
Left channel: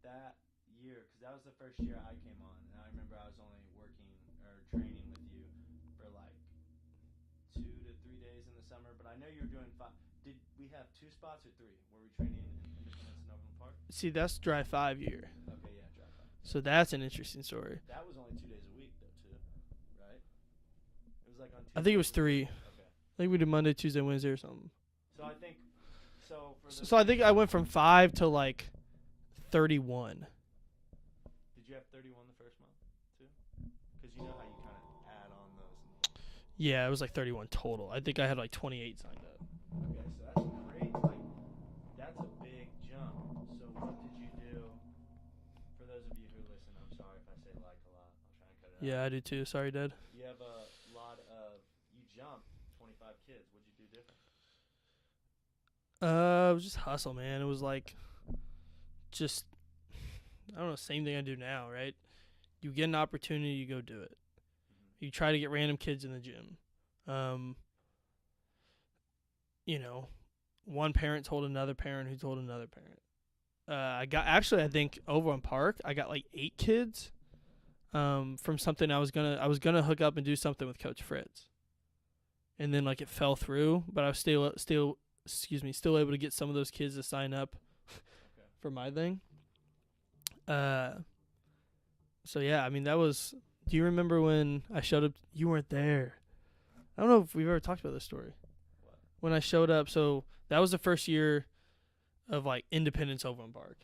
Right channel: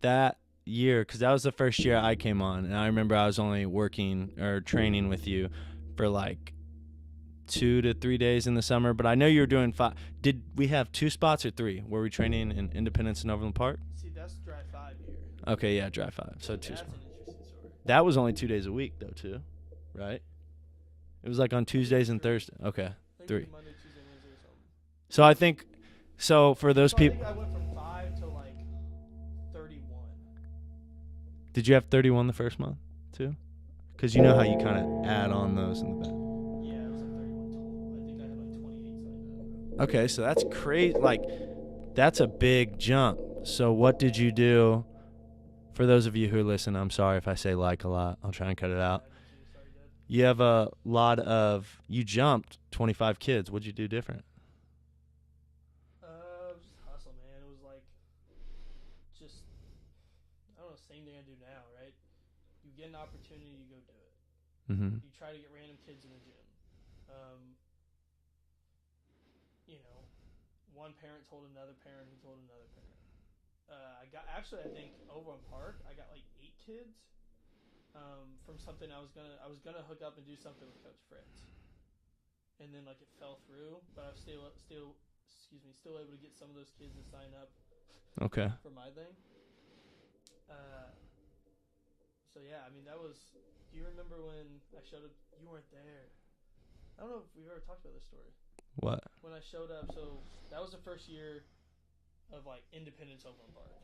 that year, because that was the first year I came on, and I remember I was only working or training with you for like 2 to 3 days in the summer, but I know you were doing 5. Did we have 2 spots or 3? Were we training in Independence and Overland Park? See, that's dry 5 year. Okay, yeah, dry 5. So that's an interesting story. That was only 2 days a week, though, too, right? It was like on Tuesdays and Thursdays. Okay. I think we did Monday, Tuesday, Wednesday or something. So I think, for those people. I think I went from 5 to like 31. Did you have 31 the first month, too? Because you know how you kind of add on those in the back. Yeah, it was like 31 total. I think I had like 28 signed up. Okay, so that's crazy. Like, that's a big jump. So what did you do? For those of you who listen, I'm sorry if I say like a lot. I'll try and cut it out. Yeah, I do too. Sorry, Dad. You have you jumped 25 kids. What'd you do different? It was just hustle, man. It was like just, I don't know, same thing I do now, right? You get an opportunity, you go do it. Mm-hmm. You try to get random kids in the gym. One parent told another parent who told another parent. I think over on Park, I got like 8 kids from something I was gonna hook up and do something with Coach Fritz. And then like it fell through, but I was still able to get some of those kids to sign up. Okay. For my thing. So yeah, I mean that was. Do you remember when I showed up? You weren't there. I don't know if we've ever talked about this story. What? When I showed up, so that was the first year of like Independence Overland Park,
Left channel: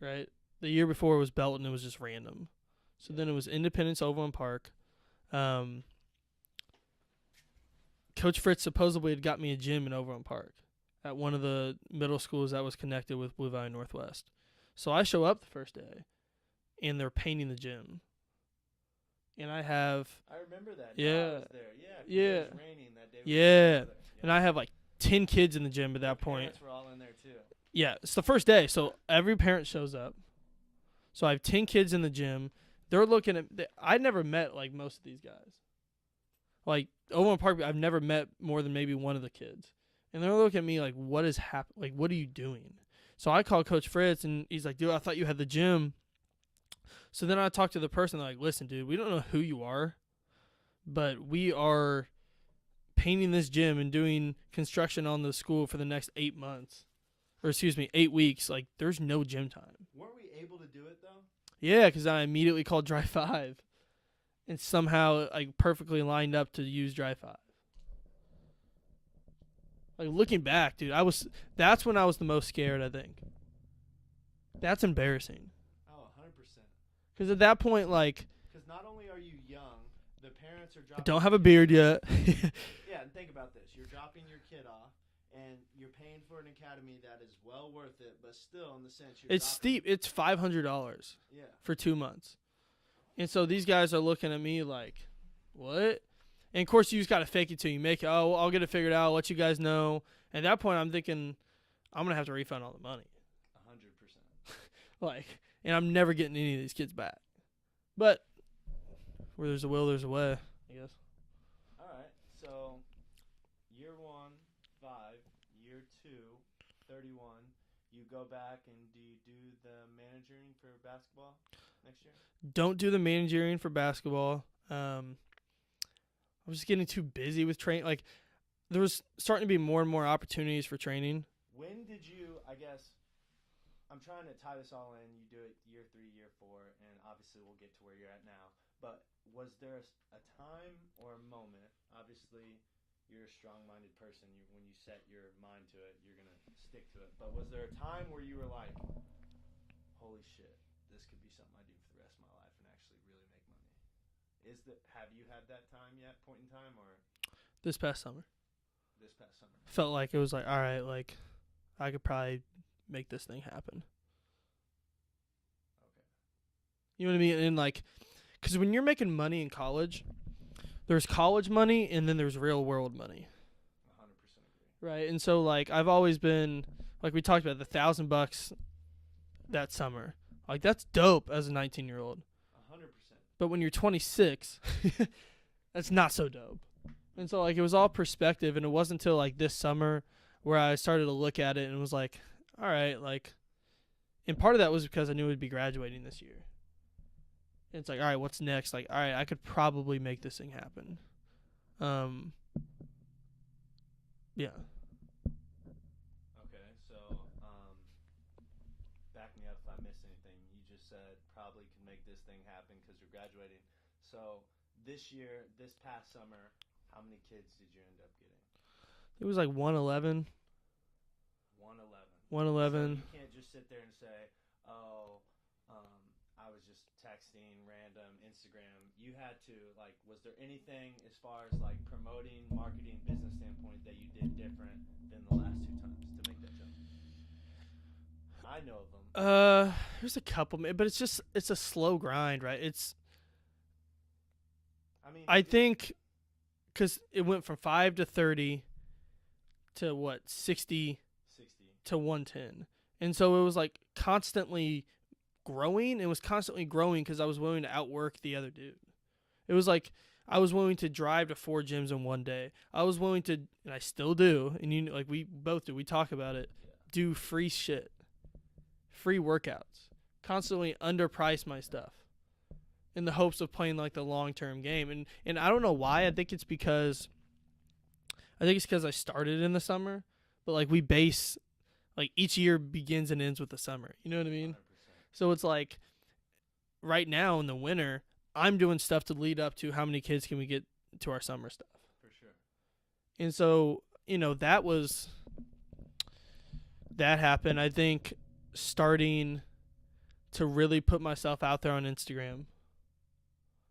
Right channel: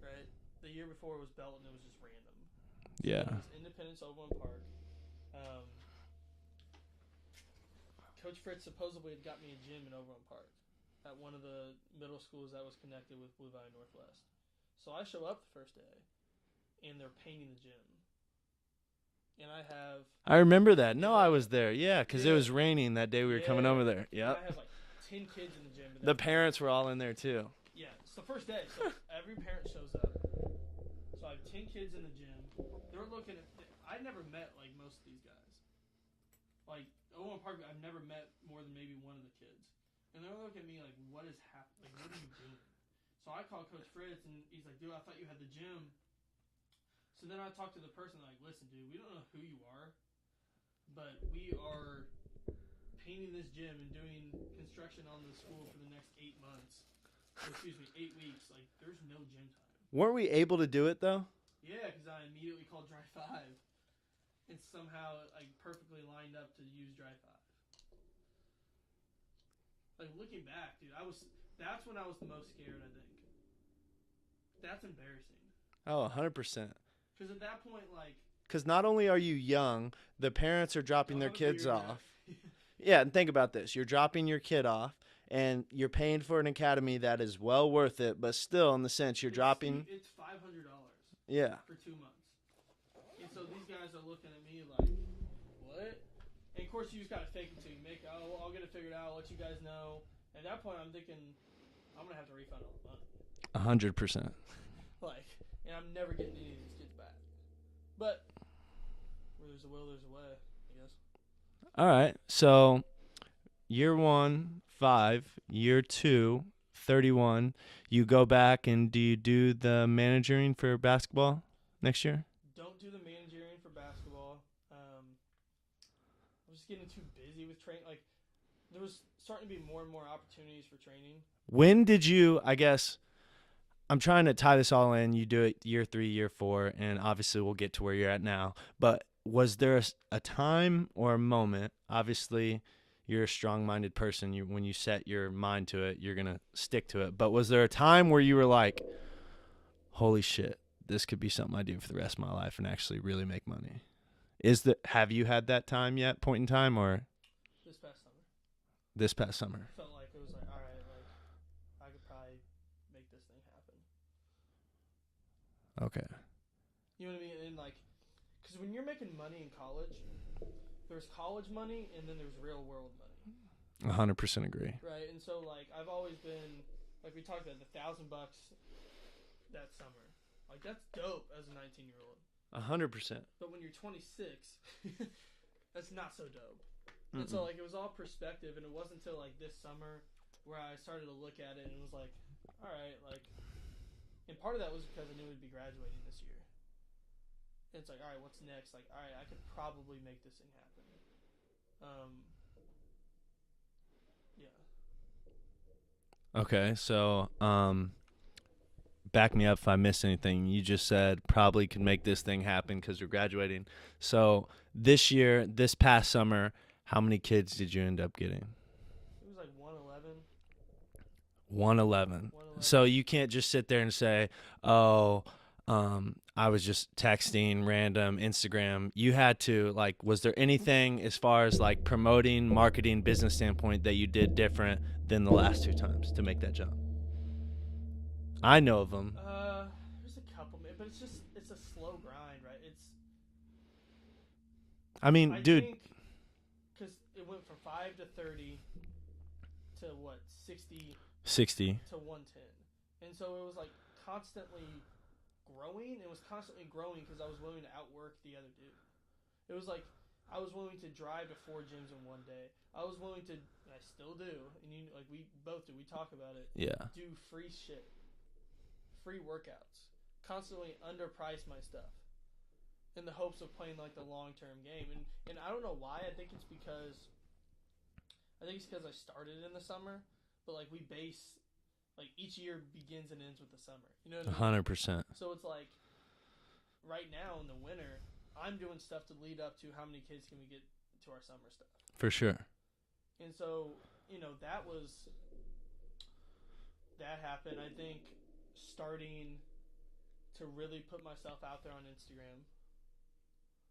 right? The year before was Belton. It was just random. So Yeah. then it was Independence Overland Park. Coach Fritz supposedly had got me a gym in Overland Park at one of the middle schools that was connected with Blue Valley Northwest. So I show up the first day, and they're painting the gym. And I remember that. No, Yeah. I was there. Yeah, because it was raining that day we were Yeah. coming over there. Yeah. And I have like 10 kids in the gym at that The point. parents were all in there too. Yeah, it's the first day, so every parent shows up. So I have 10 kids in the gym. They're looking at. I never met like most of these guys. Like Overland Park, I've never met more than maybe one of the kids, and they're looking at me like, "What is happening? Like, what are you doing?" So I called Coach Fritz, and he's like, "Dude, I thought you had the gym." So then I talked to the person. They're like, "Listen, dude, we don't know who you are, but we are painting this gym and doing construction on the school for the next 8 months, or 8 weeks. Like, there's no gym time." Weren't we able to do it though? Yeah, because I immediately called Dry 5, and somehow like perfectly lined up to use Dry 5. Like looking back, dude, that's when I was the most scared. I think that's embarrassing. Oh, 100%. Because at that point, like, Because not only are you young, the parents are dropping. don't their have a kids beard off. yet. Yeah, and think about this: you're dropping your kid off, and you're paying for an academy that is well worth it, but still, in the sense, you're It's dropping. steep. It's $500. Yeah. For 2 months. And so these guys are looking at me like, what? And of course, you just got to fake it till you make it. Oh, well, I'll get it figured out. I'll let you guys know. At that point, I'm thinking, I'm going to have to refund all the money. 100%. Like, and I'm never getting any of these kids back. But where there's a will, there's a way, I guess. All right. So year 1, 5. Year 2, 31. You go back and do you do the managing for basketball next year? Don't do the managing for basketball. I was just getting too busy with training. Like, there was starting to be more and more opportunities for training. When did you, I guess, I'm trying to tie this all in. You do it year 3, year 4, and obviously we'll get to where you're at now. But was there a time or a moment, obviously you're a strong-minded person. When you set your mind to it, you're going to stick to it. But was there a time where you were like, holy shit, this could be something I do for the rest of my life and actually really make money? Have you had that time yet, point in time, or? This past summer. This past summer. Felt like it was like, all right, like, I could probably make this thing happen. Okay. You know what I mean? And like, because when you're making money in college, there's college money and then there's real world money. 100% agree. Right. And so like, I've always been, like we talked about, the $1,000 that summer. Like, that's dope as a 19-year-old. 100%. But when you're 26, that's not so dope. Mm-hmm. And so like, it was all perspective, and it wasn't until like this summer where I started to look at it and was like, all right, like, and part of that was because I knew I'd be graduating this year. And it's like, all right, what's next? Like, all right, I could probably make this thing happen. Yeah. Okay, so back me up if I missed anything. You just said probably could make this thing happen because you're graduating. So this year, this past summer, how many kids did you end up getting? It was like 111. 111. 111. So you can't just sit there and say, oh, I was just texting random Instagram. You had to, like, was there anything as far as like promoting, marketing, business standpoint that you did different than the last 2 times to make that jump? I know of them. There's a couple, but it's a slow grind, right? I think because it went from 5 to 30 to what, 60 to 110. And so it was like constantly growing. It was constantly growing because I was willing to outwork the other dude. It was like I was willing to drive to 4 gyms in one day. I was willing to, and I still do, and you know, like we both do, we talk about it. Yeah. Do free shit. Free workouts. Constantly underprice my stuff in the hopes of playing like the long-term game. And I don't know why. I think it's because I started in the summer, but like we base, like each year begins and ends with the summer. You know what I mean? 100%. So it's like right now in the winter, I'm doing stuff to lead up to how many kids can we get to our summer stuff. For sure. And so, you know, that happened. I think starting to really put myself out there on Instagram,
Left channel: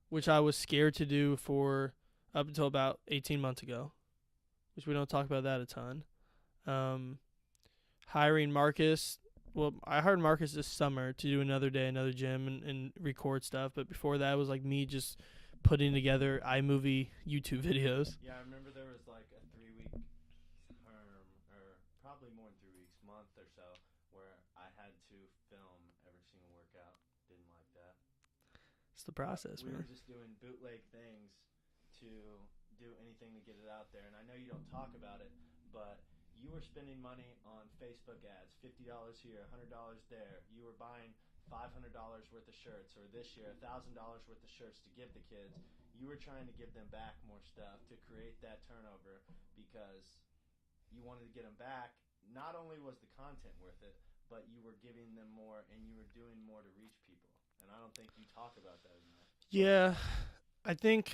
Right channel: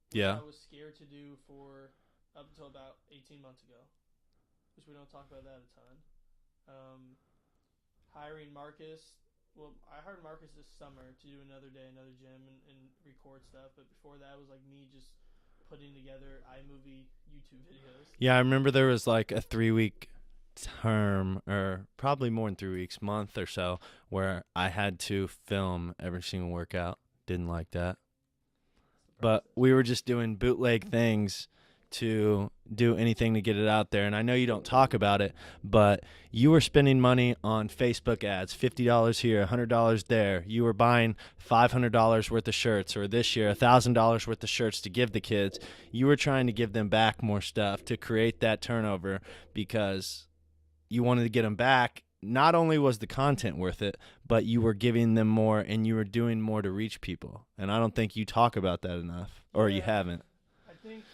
which I was scared to do for up until about 18 months ago, which we don't talk about that a ton. Hiring Marcus. Well, I hired Marcus this summer to do another gym and record stuff. But before that, it was like me just putting together iMovie YouTube videos. Yeah, I remember there was like a 3-week term, or probably more than 3 weeks, month or so, where I had to film every single workout. Didn't like that. That's the process. But we were just doing bootleg things to do anything to get it out there. And I know you don't talk about it, but you were spending money on Facebook ads, $50 here, $100 there. You were buying $500 worth of shirts, or this year $1,000 worth of shirts to give the kids. You were trying to give them back more stuff to create that turnover because you wanted to get them back. Not only was the content worth it, but you were giving them more and you were doing more to reach people. And I don't think you talk about that enough, or you haven't. I think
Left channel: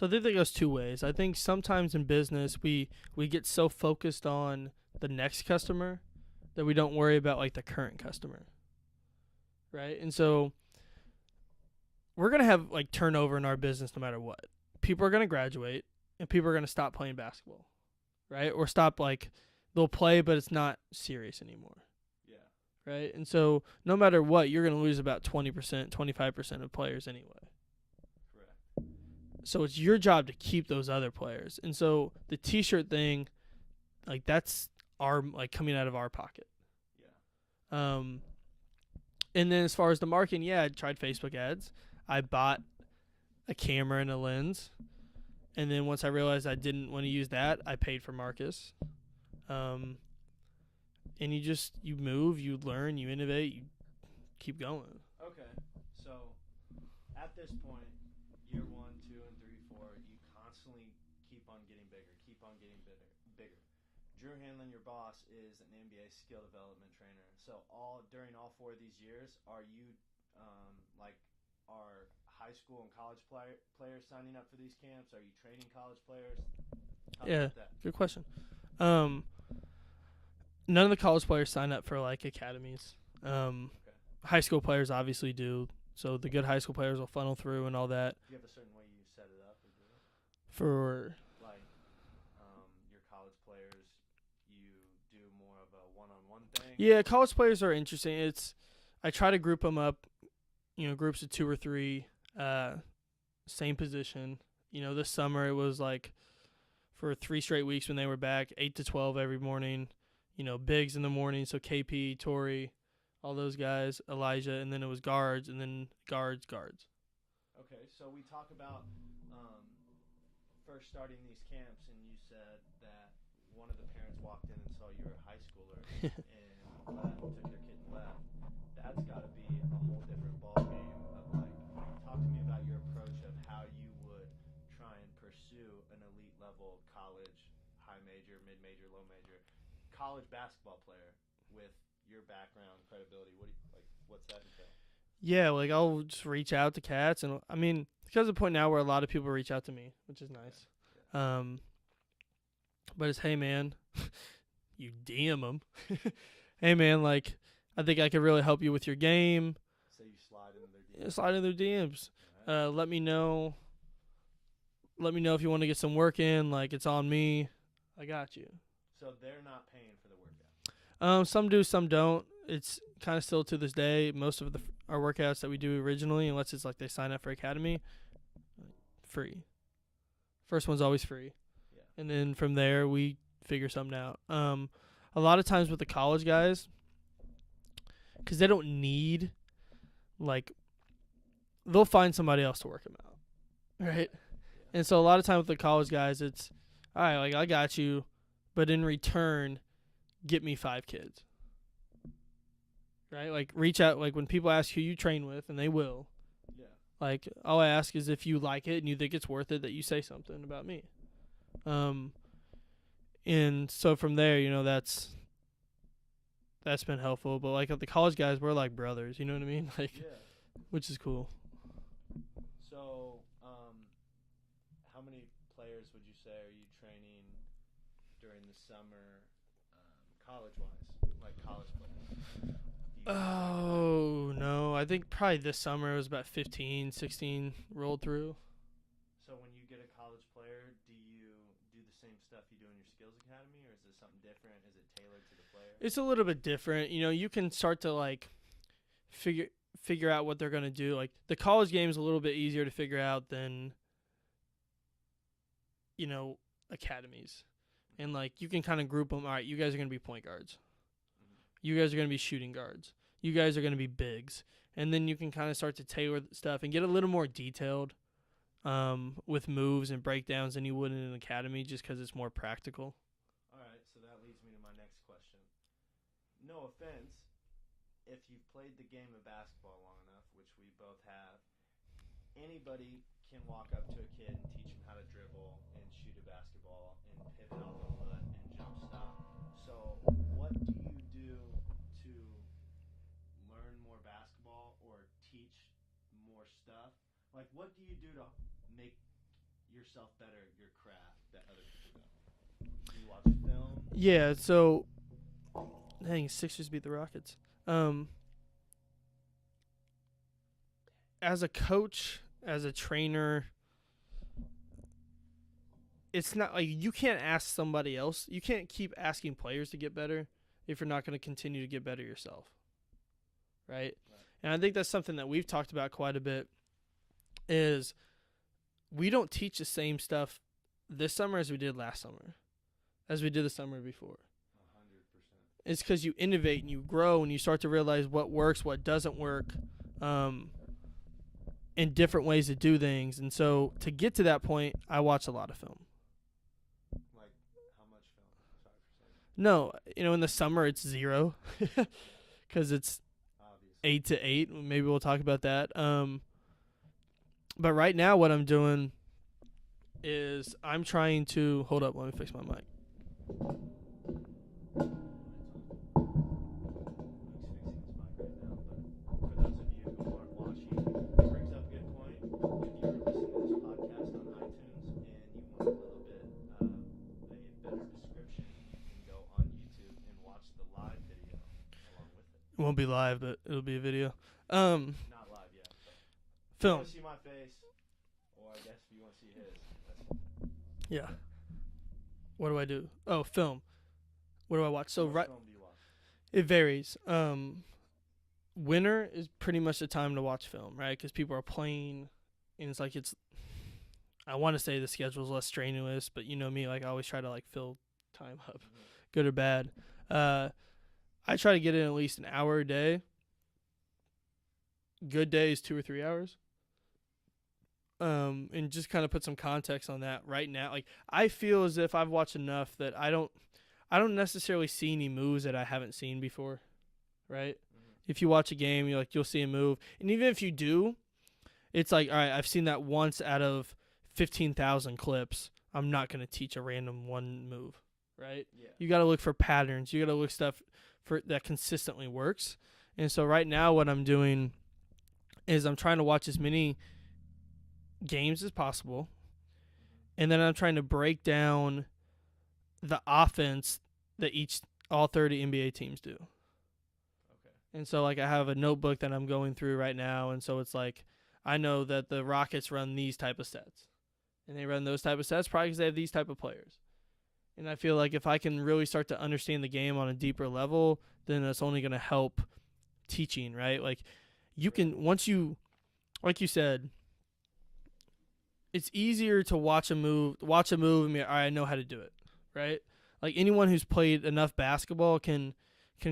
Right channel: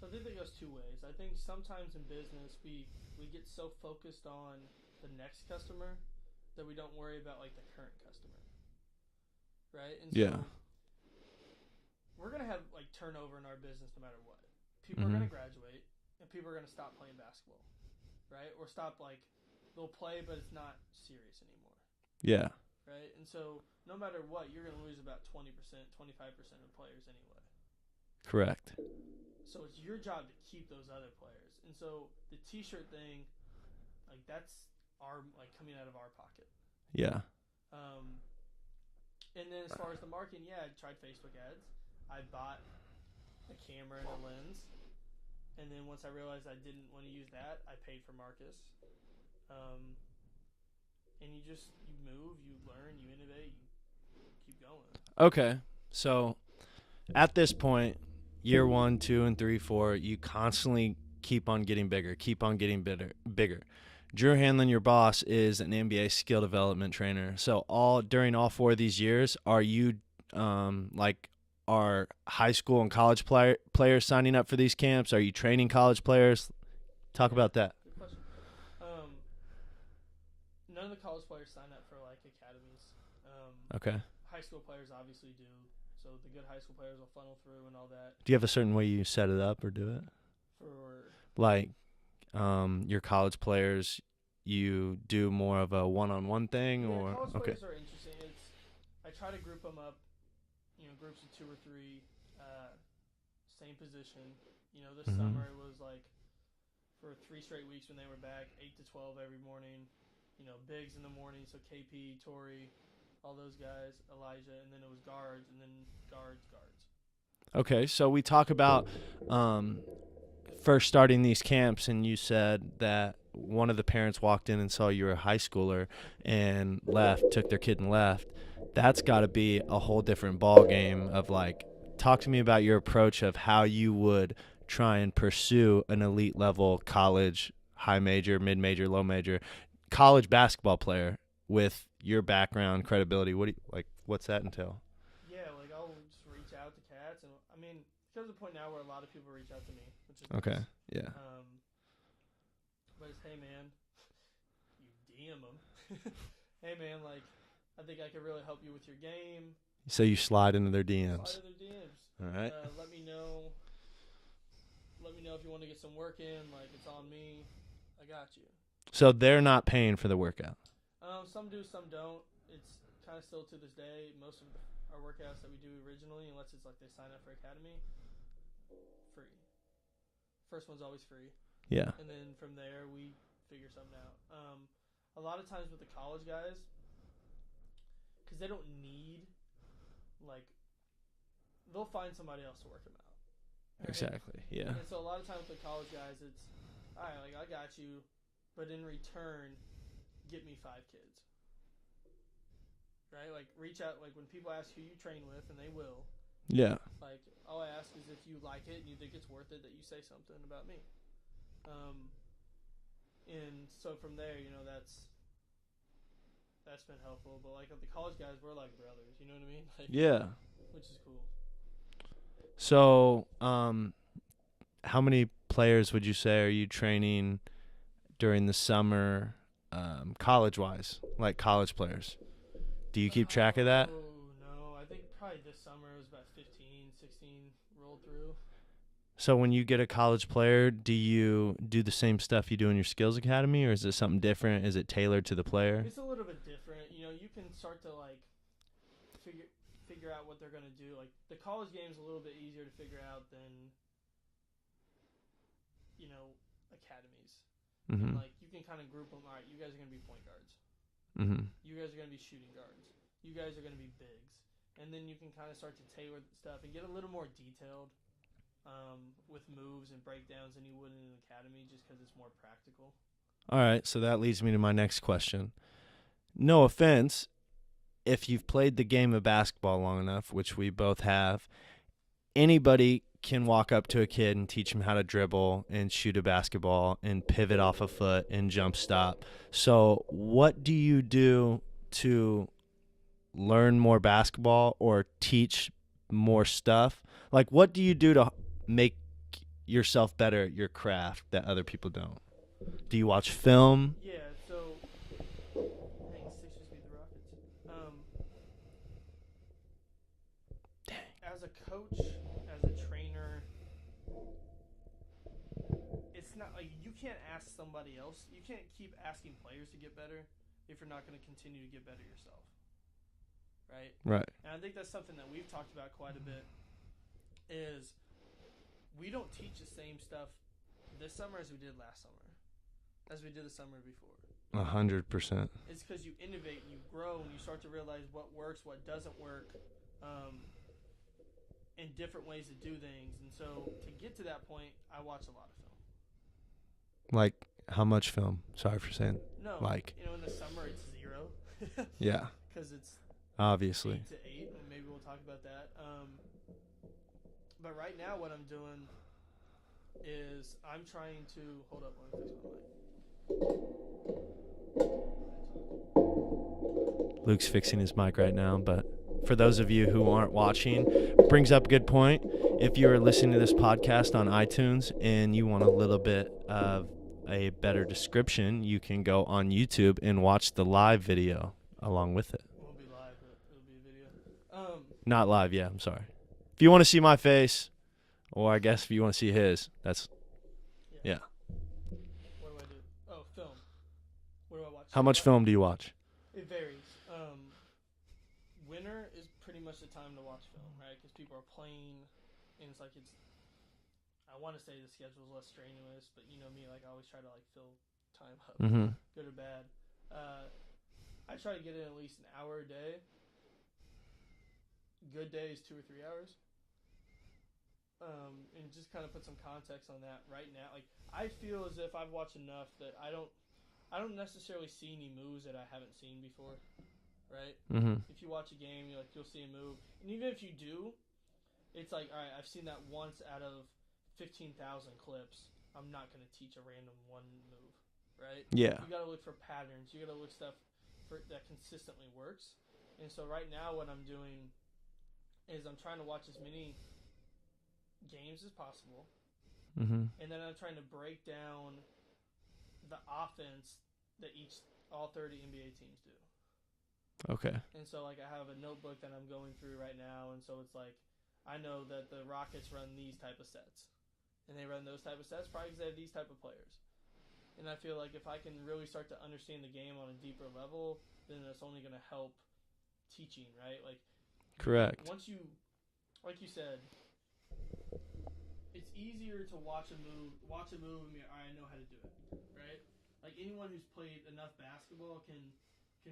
that goes 2 ways. I think sometimes in business we get so focused on the next customer that we don't worry about like the current customer. Right? And so we're going to have like turnover in our business no matter what. People are going to graduate and people are going to stop playing basketball. Right? Or stop, like, they'll play but it's not serious anymore. Yeah. right? And so no matter what, you're going to lose about 20%, 25% of players anyway. Correct. So it's your job to keep those other players. And so the T-shirt thing, like that's coming out of our pocket. Yeah. And then as far as the marketing, I tried Facebook ads. I bought a camera and a lens. And then once I realized I didn't want to use that, I paid for Marcus. And you move, you learn, you innovate, you keep going. Okay. So at this point, year 1, 2, and 3, 4, you constantly keep on getting bigger, bigger. Drew Hanlon, your boss, is an NBA skill development trainer. So during all 4 of these years, are you are high school and college players signing up for these camps? Are you training college players? Talk about that. Good question. None of the college players sign up for like academies. Okay. High school players obviously do. So the good high school players will funnel through and all that. Do you have a certain way you set it up or do it? For like your college players, you do more of a one-on-one thing? Yeah, college players are interesting. I try to group them up, groups of 2 or 3, same position. This summer it was like for 3 straight weeks when they were back, 8 to 12 every morning. Bigs in the morning, so KP, Torrey, all those guys, Elijah, and then it was guards, and then guards. Okay, so we talk about first starting these camps, and you said that one of the parents walked in and saw you were a high schooler and took their kid and left. That's got to be a whole different ball game of talk to me about your approach of how you would try and pursue an elite level college, high major, mid major, low major, college basketball player with your background, credibility. What's that entail? Yeah, I'll just reach out to cats, and because of the point now where a lot of people reach out to me, which is okay. Nice. Yeah. But it's, hey man, you DM them. Hey man, I think I could really help you with your game. So you slide into their DMs. Slide into their DMs. All right. Let me know. Let me know if you want to get some work in. It's on me. I got you. So they're not paying for the workout. Some do, some don't. It's kind of still to this day. Most of our workouts that we do originally, unless it's they sign up for Academy, free. First one's always free. Yeah. And then from there, we figure something out. A lot of times with the college guys, because they don't need, they'll find somebody else to work them out. Right? Exactly. Yeah. And so a lot of times with the college guys, it's, all right, I got you, but in return, get me 5 kids. Right? Reach out, when people ask who you train with, and they will. Yeah. All I ask is if you like it and you think it's worth it, that you say something about me. And so from there, that's been helpful. But the college guys, we're like brothers. You know what I mean? Yeah. Which is cool. So, how many players would you say are you training during the summer, college-wise, college players? Do you keep track of that? Oh, no. I think probably this summer it was about 15, 16 rolled through. So when you get a college player, do you do the same stuff you do in your skills academy, or is it something different? Is it tailored to the player? It's a little bit different. You can start to figure out what they're going to do. The college game is a little bit easier to figure out than academies. Mm-hmm. And you can kind of group them. All right, you guys are going to be point guards. Mm-hmm. You guys are going to be shooting guards. You guys are going to be bigs. And then you can kind of start to tailor stuff and get a little more detailed with moves and breakdowns than you would in an academy, just because it's more practical. All right, so that leads me to my next question. No offense, if you've played the game of basketball long enough, which we both have, anybody can walk up to a kid and teach him how to dribble and shoot a basketball and pivot off a foot and jump stop. So what do you do to learn more basketball or teach more stuff? What do you do to make yourself better at your craft that other people don't? Do you watch film? Yeah, so dang, Sixers beat the Rockets. As a coach, as a trainer, it's not you can't ask somebody else. You can't keep asking players to get better if you're not going to continue to get better yourself. right? Right. And I think that's something that we've talked about quite a bit is we don't teach the same stuff this summer as we did last summer, as we did the summer before. 100%. It's because you innovate and you grow and you start to realize what works, what doesn't work, and different ways to do things. And so to get to that point, I watch a lot of film. Like, how much film? Sorry for saying. No, Like. in the summer it's 0. Yeah. Because it's Obviously. 8 to 8. Maybe we'll talk about that. But right now what I'm doing is I'm trying to... Hold up, let me fix my mic. Luke's fixing his mic right now, but for those of you who aren't watching, brings up a good point. If you are listening to this podcast on iTunes and you want a little bit of a better description, you can go on YouTube and watch the live video along with it. It won't be live, but it'll be a video. Not live, yeah, I'm sorry. If you want to see my face, or I guess if you want to see his, that's... Yeah. What do I do? Oh, film. What do I watch? How much film do you watch? It varies. Winter is pretty much the time to watch film, right? Because people are playing, and it's like I want to say the schedule's less strenuous, but you know me, like I always try to like fill time up, good or bad. I try to get in at least an hour a day. Good day is 2 or 3 hours. And just kind of put some context on that right now. Like I feel as if I've watched enough that I don't necessarily see any moves that I haven't seen before, right? If you watch a game, you'll see a move, and even if you do, it's like, all right, I've seen that once out of 15,000 clips. I'm not gonna teach a random one move, right? Yeah. You gotta look for patterns. You gotta look stuff for that consistently works. And so right now, what I'm doing is I'm trying to watch as many games as possible, and then I'm trying to break down the offense that all 30 NBA teams do. Okay. And so like I have a notebook that I'm going through right now, and so it's like I know that the Rockets run these type of sets, and they run those type of sets probably because they have these type of players. And I feel like if I can really start to understand the game on a deeper level, then that's only going to help teaching, right? Like you Correct. can once you, like you said, it's easier to watch a move and be, all right, I know how to do it, right? Like anyone who's played enough basketball can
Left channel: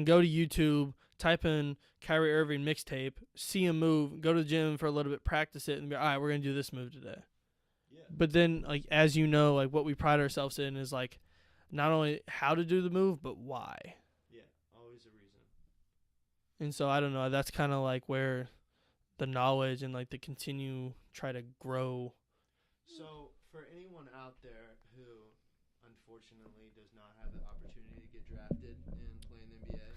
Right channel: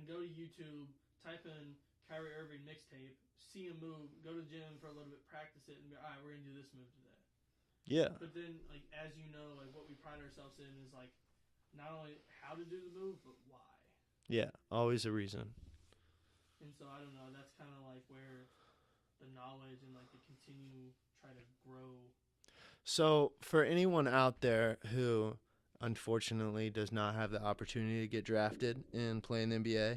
go to YouTube, type in Kyrie Irving mixtape, see a move, go to the gym for a little bit, practice it, and be, all right, we're going to do this move today. Yeah. But then, like, as you know, like what we pride ourselves in is like not only how to do the move, but why. Yeah, always a reason. And so I don't know, that's kind of like where the knowledge and like the try to grow. So for anyone out there who unfortunately does not have the opportunity to get drafted and play in the NBA,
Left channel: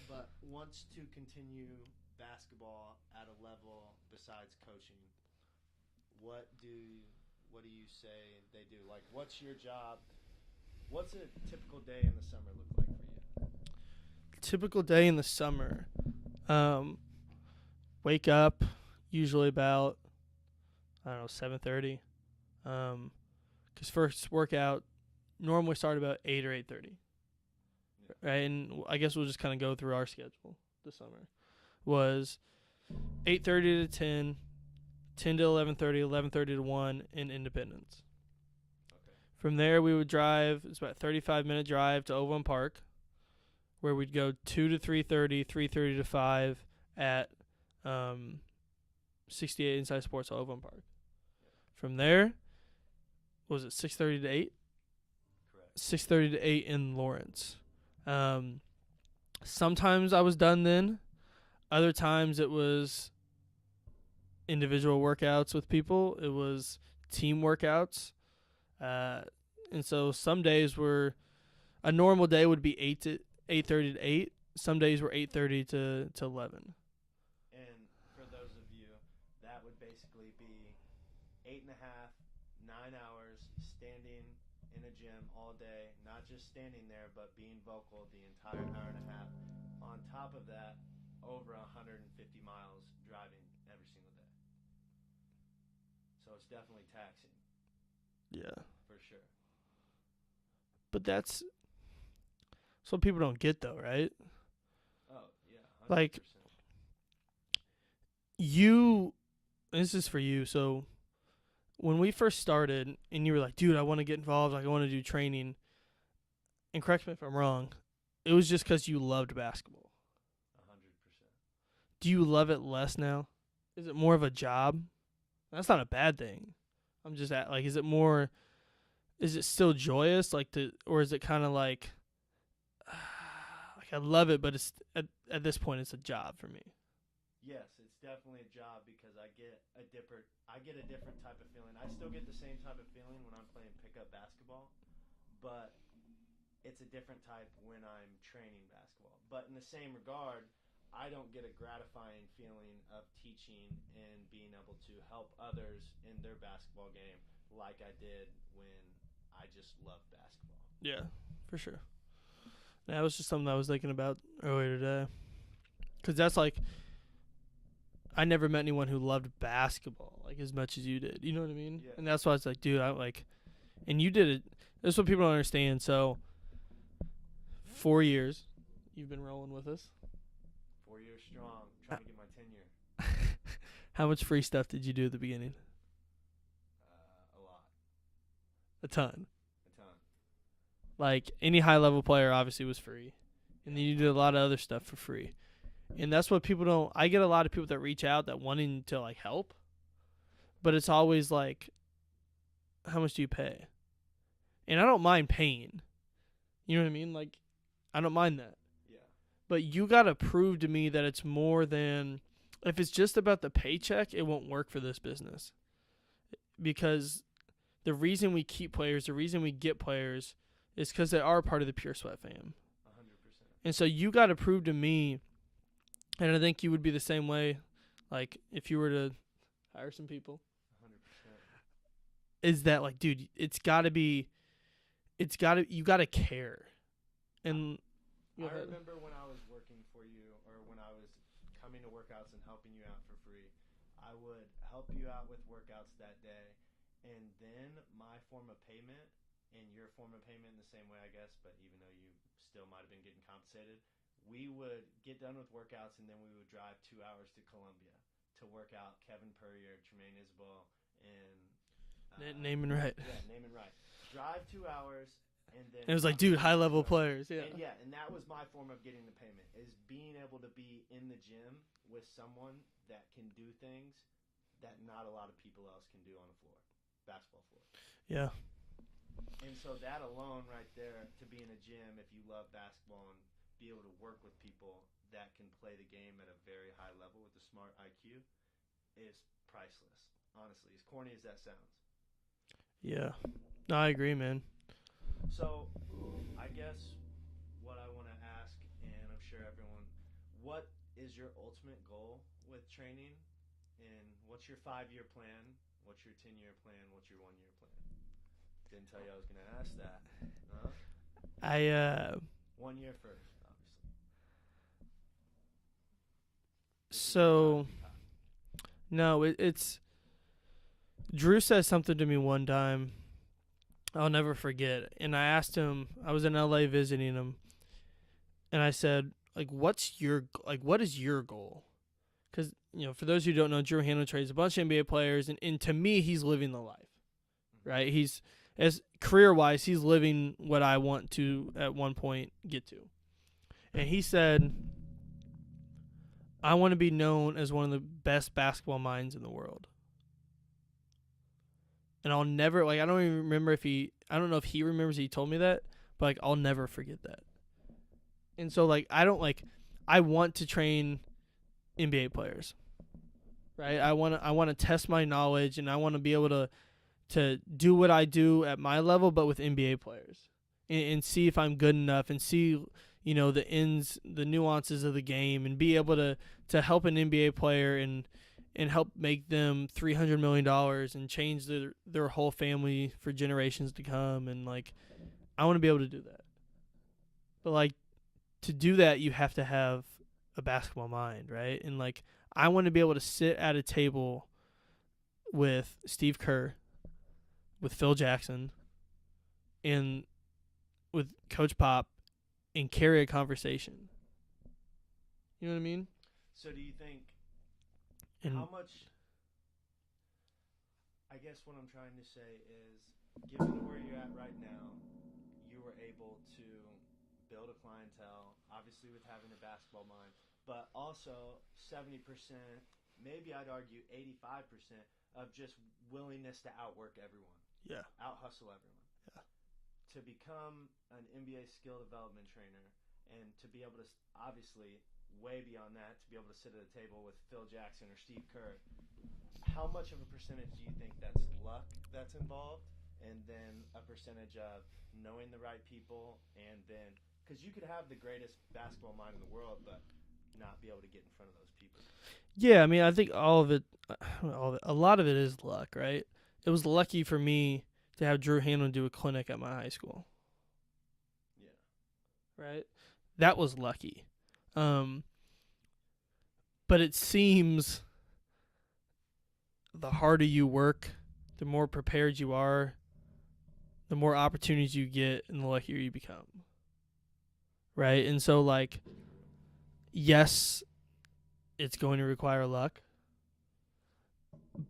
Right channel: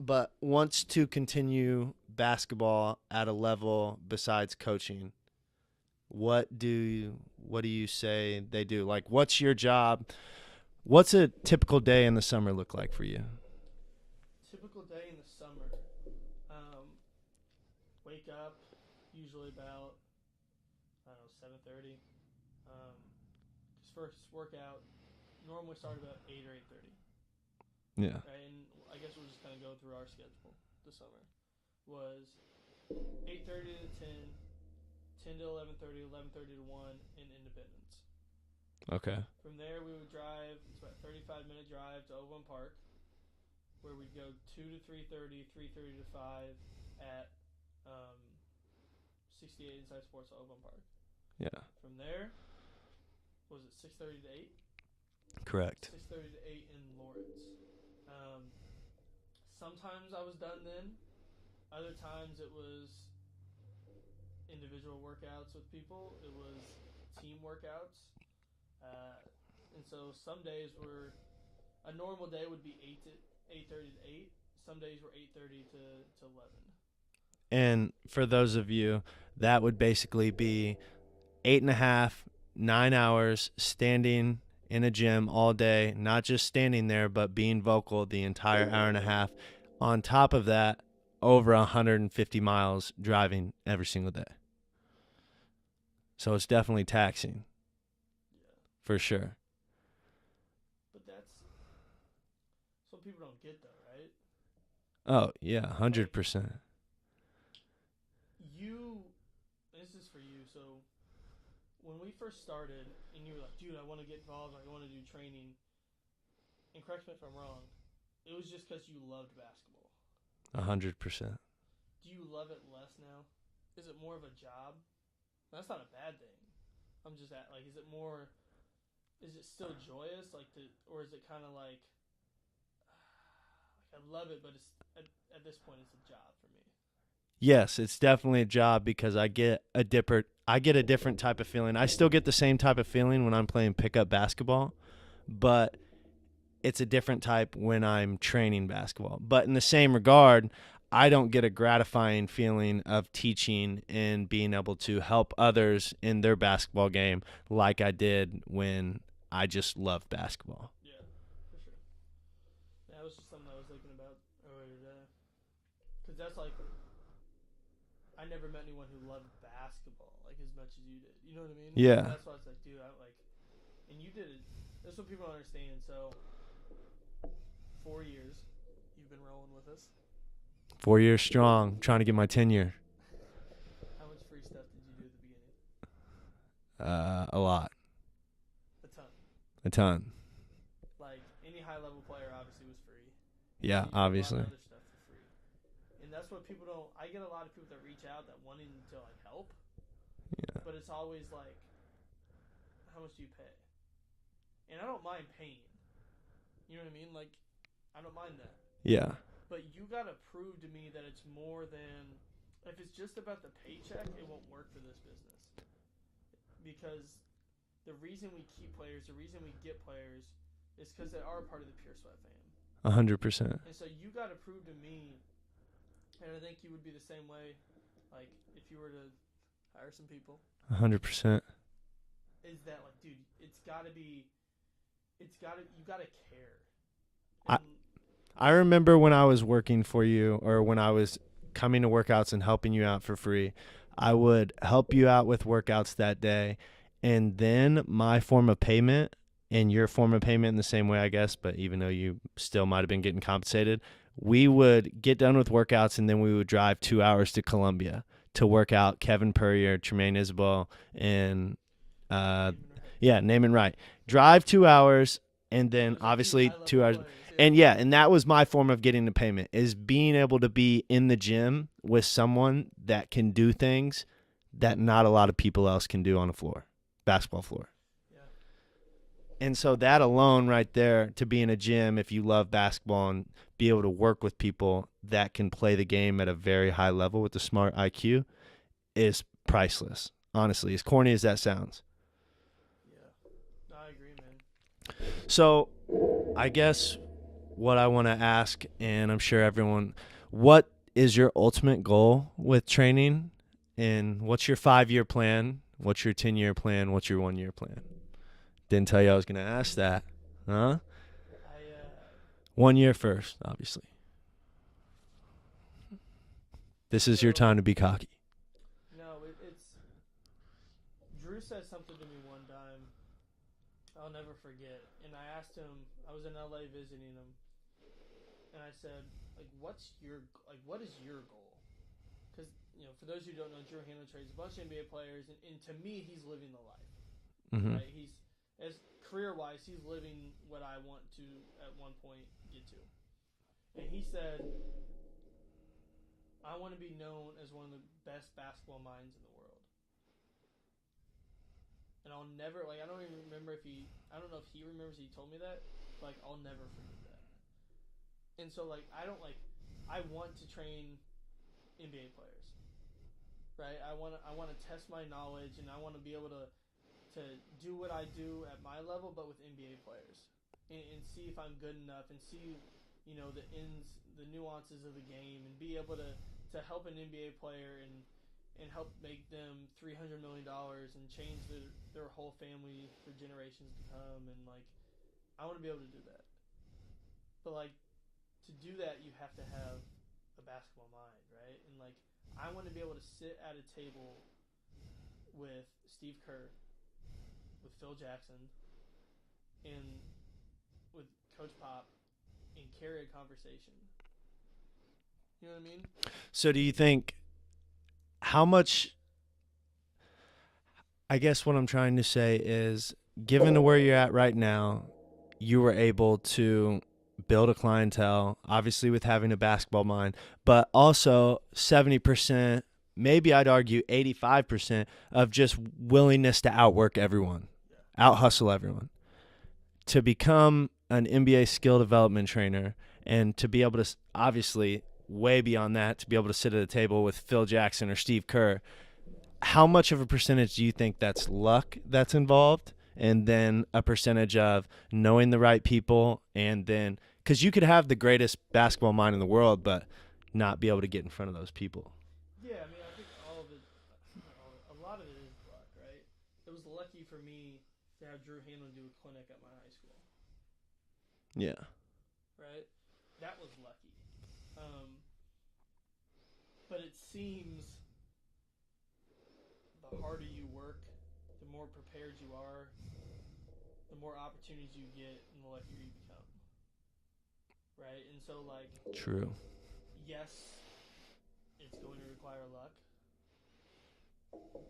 but wants to continue basketball at a level besides coaching, what do you say they do? Like, what's your job? What's a typical day in the summer look like for you? Typical day in the summer. Wake up usually about, I don't know, 7:30. Because first workout normally start about 8 or 8:30. Yeah. Right, and I guess we'll just kind of go through our schedule this summer. Was 8:30 to 10, 10 to 11:30, 11:30 to 1 in Independence. Okay. From there, we would drive. It's about a 35-minute drive to Overland Park, where we'd go 2 to 3:30, 3:30 to 5 at 68 Inside Sports at Overland Park. Yeah. From there, was it 6:30 to 8? Correct. 6:30 to 8 in Lawrence. Sometimes I was done then. Other times it was individual workouts with people. It was team workouts. And so some days were, a normal day would be 8:30 to 8. Some days were 8:30 to 11. And for those of you, that would basically be 8.5, 9 hours standing in a gym all day, not just standing there, but being vocal the entire hour and a half. On top of that, over 150 miles driving every single day. So it's definitely taxing. Yeah. For sure. But that's what people don't get, though, right? Oh, yeah, 100%. this is for you. So when we first started and you were like, dude, I want to get involved. Like, I want to do training. And correct me if I'm wrong. It was just because you loved basketball. 100%. Do you love it less now? Is it more of a job? That's not a bad thing. I'm just like, is it still joyous? Or is it kind of like I love it, but it's at this point, it's a job for me. Yes, it's definitely a job because I get a different type of feeling. I still get the same type of feeling when I'm playing pickup basketball, but it's a different type when I'm training basketball. But in the same regard, I don't get a gratifying feeling of teaching and being able to help others in their basketball game like I did when I just loved basketball. Yeah, for sure. That was just something I was thinking about earlier today. Because that's like, I never met anyone who loved basketball like as much as you did. You know what I mean? Yeah. And that's why it's like, dude, and you did it. That's what people don't understand. So, 4 years, you've been rolling with us. 4 years strong, trying to get my tenure. How much free stuff did you do at the beginning? A lot. A ton. A ton. Like, any high-level player obviously was free. Yeah, and you do a lot of other stuff for free. And that's what people don't – I get a lot of people that reach out that wanting to, like, help. Yeah. But it's always like, how much do you pay? And I don't mind paying. You know what I mean? Like, I don't mind that. Yeah. But you got to prove to me that it's more than – if it's just about the paycheck, it won't work for this business. Because the reason we keep players, the reason we get players is because they are part of the Pure Sweat fam. 100%. And so you got to prove to me, and I think you would be the same way, like if you were to hire some people. 100%. Is that like, dude, you got to care. And I remember when I was working for you or when I was coming to workouts and helping you out for free, I would help you out with workouts that day. And then my form of payment and your form of payment in the same way, I guess, but even though you still might have been getting compensated, we would get done with workouts and then we would drive 2 hours to Columbia to work out Kevin Purrier, Tremaine Isabel, and name and right. Yeah, name and right. Drive 2 hours and then obviously like, dude, 2 hours. Players, yeah. And that was my form of getting the payment, is being able to be in the gym with someone that can do things that not a lot of people else can do on a floor, basketball floor. Yeah. And so that alone right there, to be in a gym if you love basketball and be able to work with people that can play the game at a very high level with a smart IQ, is priceless, honestly, as corny as that sounds. Yeah. No, I agree, man. So I guess what I want to ask, and I'm sure everyone, what is your ultimate goal with training, and what's your 5-year plan? What's your 10-year plan? What's your 1-year plan? Didn't tell you I was going to ask that. Huh? 1 year first, obviously. This is your time to be cocky. No, it's Drew said something to me one time I'll never forget. And I asked him, I was in LA visiting him, and I said, like, what is your goal? Because, for those who don't know, Drew Hanlon trades a bunch of NBA players, and to me, he's living the life, right? He's, as career-wise, he's living what I want to, at one point, get to. And he said, I want to be known as one of the best basketball minds in the world. And I'll never, I don't even remember I don't know if he remembers he told me that, but, I'll never forget that. And so, I want to train NBA players, right? I want to test my knowledge, and I want to be able to do what I do at my level, but with NBA players, and see if I'm good enough, and see, the nuances of the game, and be able to help an NBA player and help make them $300 million and change their whole family for generations to come. And, I want to be able to do that. But, to do that, you have to have a basketball mind, right? And, I want to be able to sit at a table with Steve Kerr, with Phil Jackson, and with Coach Pop, and carry a conversation. You know what I mean? So do you think how much, I guess what I'm trying to say is, given to where you're at right now, you were able to build a clientele, obviously with having a basketball mind, but also 70%, maybe I'd argue 85% of just willingness to outwork everyone, out hustle everyone. To become an NBA skill development trainer and to be able to, obviously, way beyond that, to be able to sit at a table with Phil Jackson or Steve Kerr, how much of a percentage do you think that's luck that's involved, and then a percentage of knowing the right people, and then because you could have the greatest basketball mind in the world but not be able to get in front of those people? Yeah, I mean, I think a lot of it is luck, right? It was lucky for me to have Drew Hanlon do a clinic at my high school. Yeah. Right? That was lucky. But it seems the harder you work, the more prepared you are, the more opportunities you get, and the luckier you become. Right? And so, like, True. yes, it's going to require luck,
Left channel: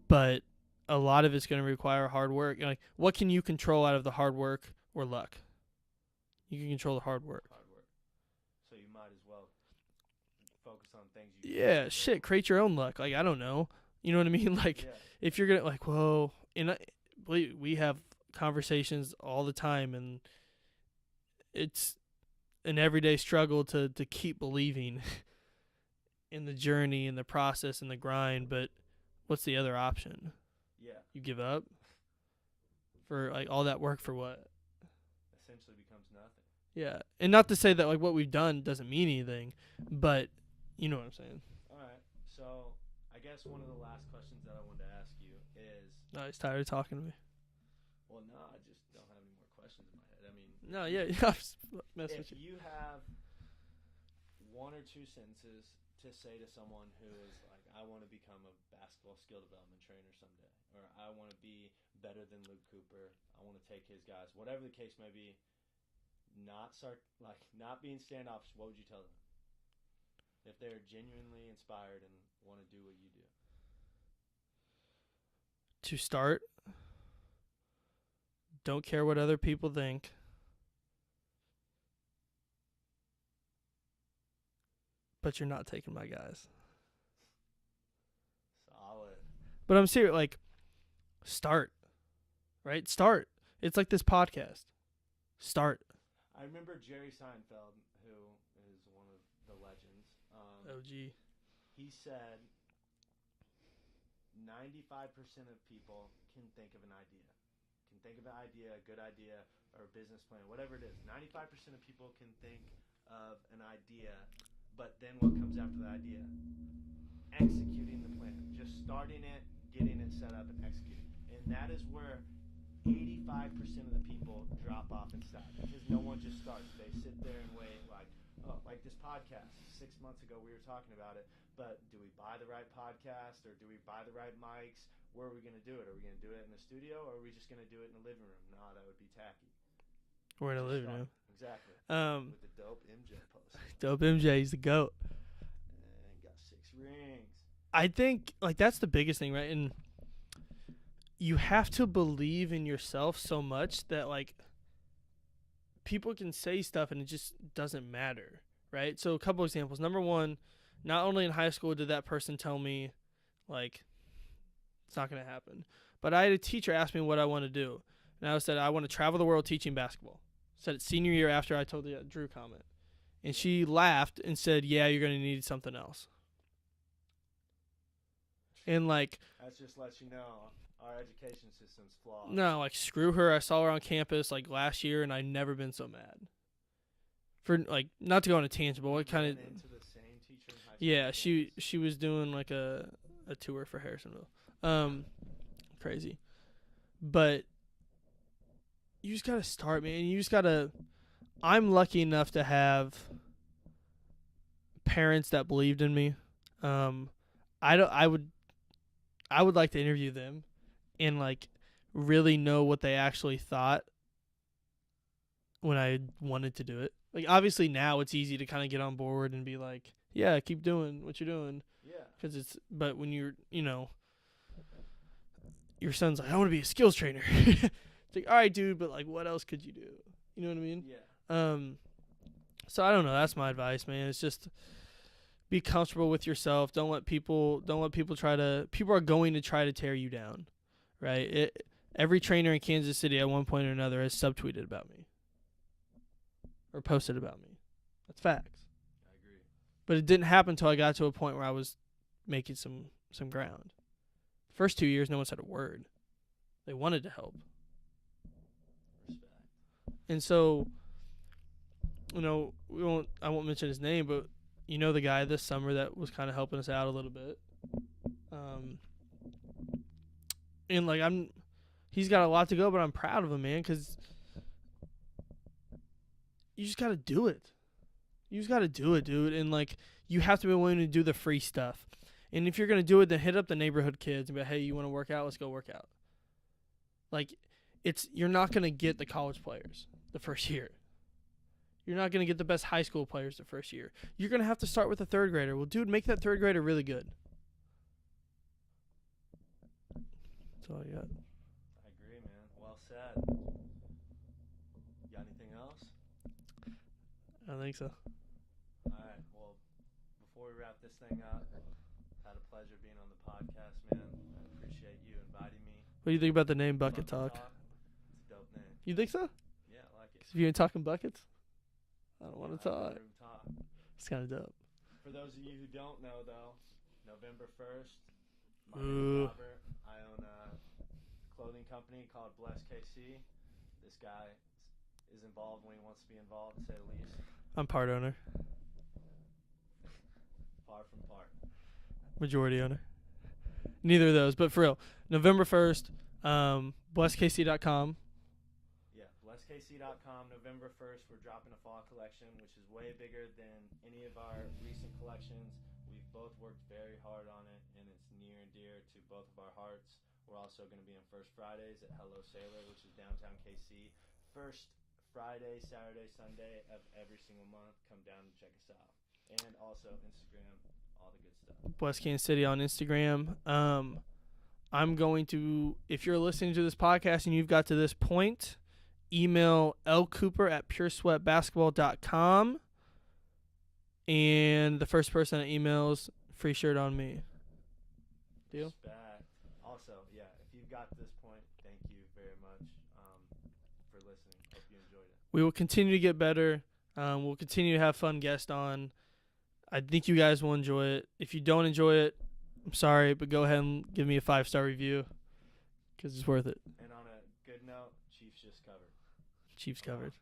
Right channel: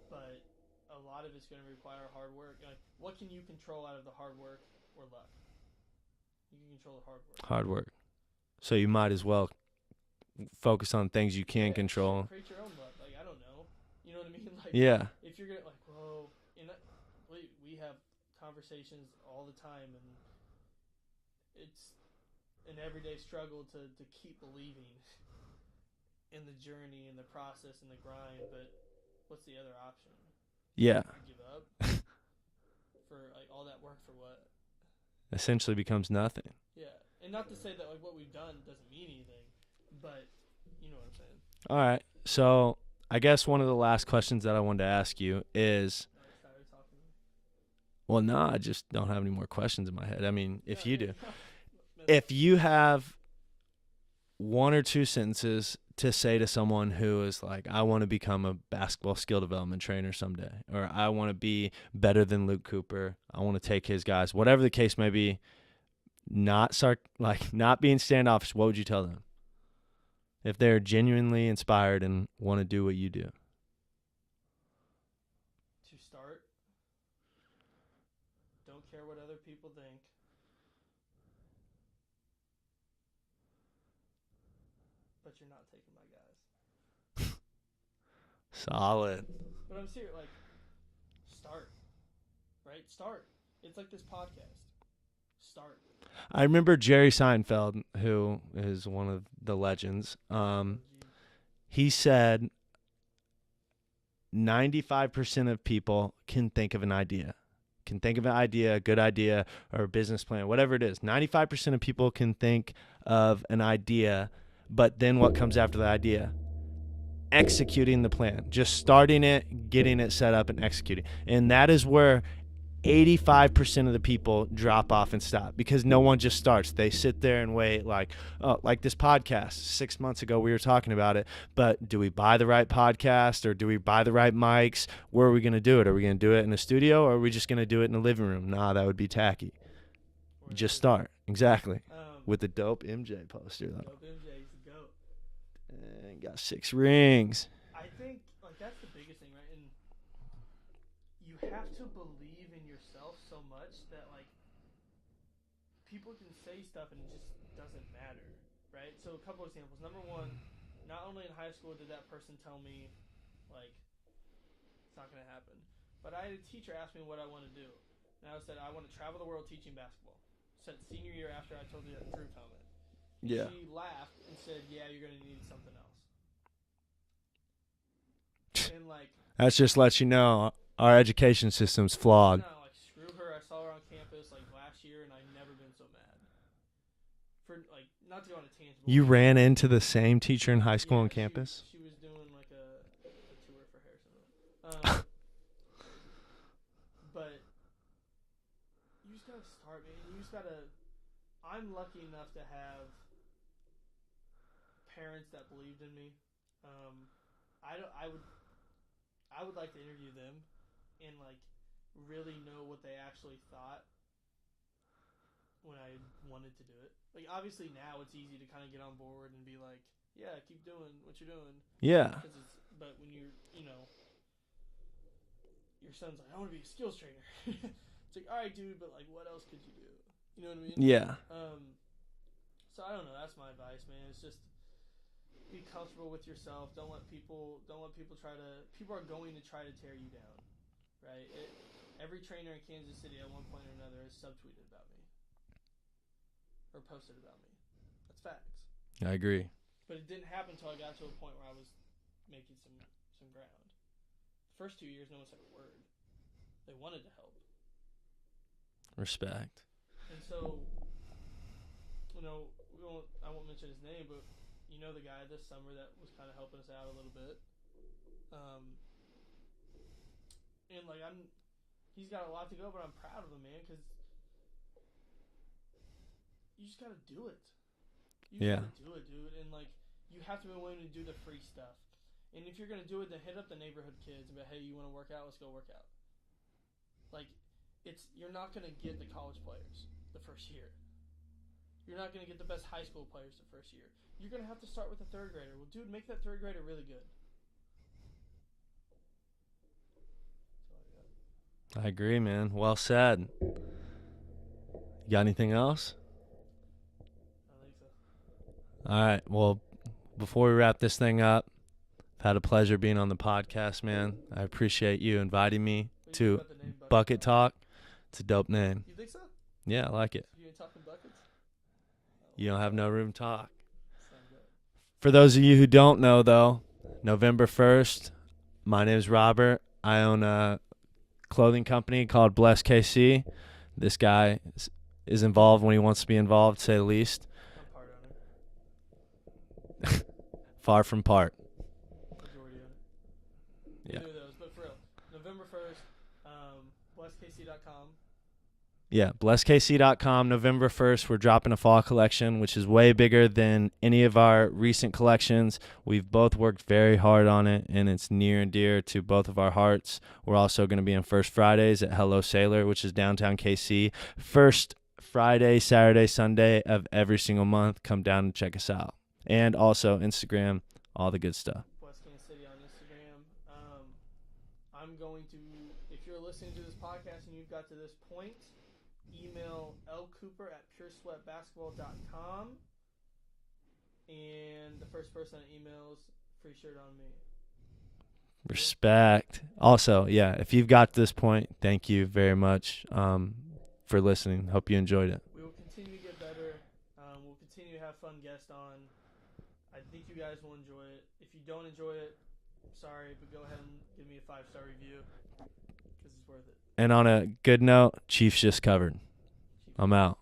but a lot of it's going to require hard work. Like, what can you control out of the hard work or luck? You can control the hard work. Hard work. So you might as well focus on things you can't control. Shit, create your own luck. Like, I don't know. You know what I mean? Like, yeah. If you're going to, like, whoa, and we have conversations all the time, and it's an everyday struggle to keep believing in the journey and the process and the grind, but what's the other option? Yeah. You give up? For, like, all that work for what? Essentially becomes nothing. Yeah. And not to say that, like, what we've done doesn't mean anything, but you know what I'm saying. All right. So I guess one of the last questions that I wanted to ask you is... No, he's tired of talking to me. Well, no, I just don't have any more questions in my head. I mean, if you do. Yeah. If you have one or two sentences to say to someone who is like, I want to become a basketball skill development trainer someday, or I want to be better than Luke Cooper, I want to take his guys, whatever the case may be, not being standoffish, what would you tell them? If they're genuinely inspired and want to do what you do. To start, don't care what other people think. But you're not taking my guys. Solid. But I'm serious, like, start. Right? Start. It's like this podcast. Start. I remember Jerry Seinfeld, who is one of the legends. He said 95% of people can think of an idea. Can think of an idea, a good idea, or a business plan, whatever it is. 95% of people can think of an idea, but then what comes after the idea? Executing the plan. Just starting it, getting it set up, and executing. And that is where 85% of the people drop off and stop, because no one just starts. They sit there and wait, like this podcast. 6 months ago we were talking about it, but do we buy the right podcast, or do we buy the right mics? Where are we going to do it? Are we going to do it in a studio, or are we just going to do it in the living room? Nah, that would be tacky. Just start. Exactly. With the dope MJ poster. Dope MJ, he's the GOAT. And got 6 rings. I think, like, that's the biggest thing, right? And you have to believe in yourself so much that, like, people can say stuff and it just doesn't matter, right? So a couple examples. Number one, not only in high school did that person tell me, like, it's not going to happen, but I had a teacher ask me what I want to do. And I said, I want to travel the world teaching basketball. Said it senior year after I told the Drew comment. And she laughed and said, yeah, you're going to need something else. And, like, that just lets you know our education system's flawed. No, like, screw her. I saw her on campus, like, last year, and I've never been so mad. For, like, not to go on a tangent. You ran into the same teacher in high school on campus? She was doing, like, a tour for Harrisonville. Crazy. But you just got to start, man. You just got to – I'm lucky enough to have parents that believed in me. I would like to interview them and, like, really know what they actually thought when I wanted to do it. Like, obviously now it's easy to kind of get on board and be like, yeah, keep doing what you're doing. Yeah. But when you're, your son's like, I want to be a skills trainer. It's like, all right, dude, but like, what else could you do? You know what I mean? Yeah. So I don't know. That's my advice, man. It's just be comfortable with yourself. Don't let people people are going to try to tear you down, right? Every trainer in Kansas City at one point or another has subtweeted about me or posted about me. That's facts. I agree. But it didn't happen until I got to a point where I was making some ground. First 2 years, no one said a word. They wanted to help. Respect. And so, I won't mention his name, but you know the guy this summer that was kind of helping us out a little bit. And like he's got a lot to go, but I'm proud of him, man, because you just got to do it. You just got to do it, dude. And like you have to be willing to do the free stuff. And if you're going to do it, then hit up the neighborhood kids and be like, hey, you want to work out? Let's go work out. Like, you're not going to get the college players the first year. You're not going to get the best high school players the first year. You're going to have to start with a third grader. Well, dude, make that third grader really good. That's all I got. I agree, man. Well said. You got anything else? I don't think so. All right. Well, before we wrap this thing up, I've had a pleasure being on the podcast, man. I appreciate you inviting me What do you to think about the name Bucket Talk. It's a dope name. You think so? Yeah, I like it. If you ain't talking buckets? You don't have no room to talk. It's kind of dope. For those of you who don't know, though, November 1st, my name is Ooh. Robert. I own a clothing company called Bless KC. This guy is involved when he wants to be involved, to say the least. I'm part owner. Far from part. Majority owner. Neither of those, but for real. November 1st, blesskc.com. Yeah, blesskc.com. November 1st, we're dropping a fall collection, which is way bigger than any of our recent collections. We've both worked very hard on it, and it's near and dear to both of our hearts. We're also going to be on First Fridays at Hello Sailor, which is downtown KC. First Friday, Saturday, Sunday of every single month. Come down and check us out. And also Instagram, all the good stuff. Bless Kansas City on Instagram. I'm going to, if you're listening to this podcast and you've got to this point, email lcooper@puresweatbasketball.com. And the first person that emails, free shirt on me. Respect. Also, yeah, if you've got to this point, thank you very much for listening. Hope you enjoyed it. We will continue to get better. We'll continue to have fun guests on. I think you guys will enjoy it. If you don't enjoy it, I'm sorry, but go ahead and give me a 5-star review because it's worth it. And on a good note, Chiefs just covered. Chiefs I'm covered. out.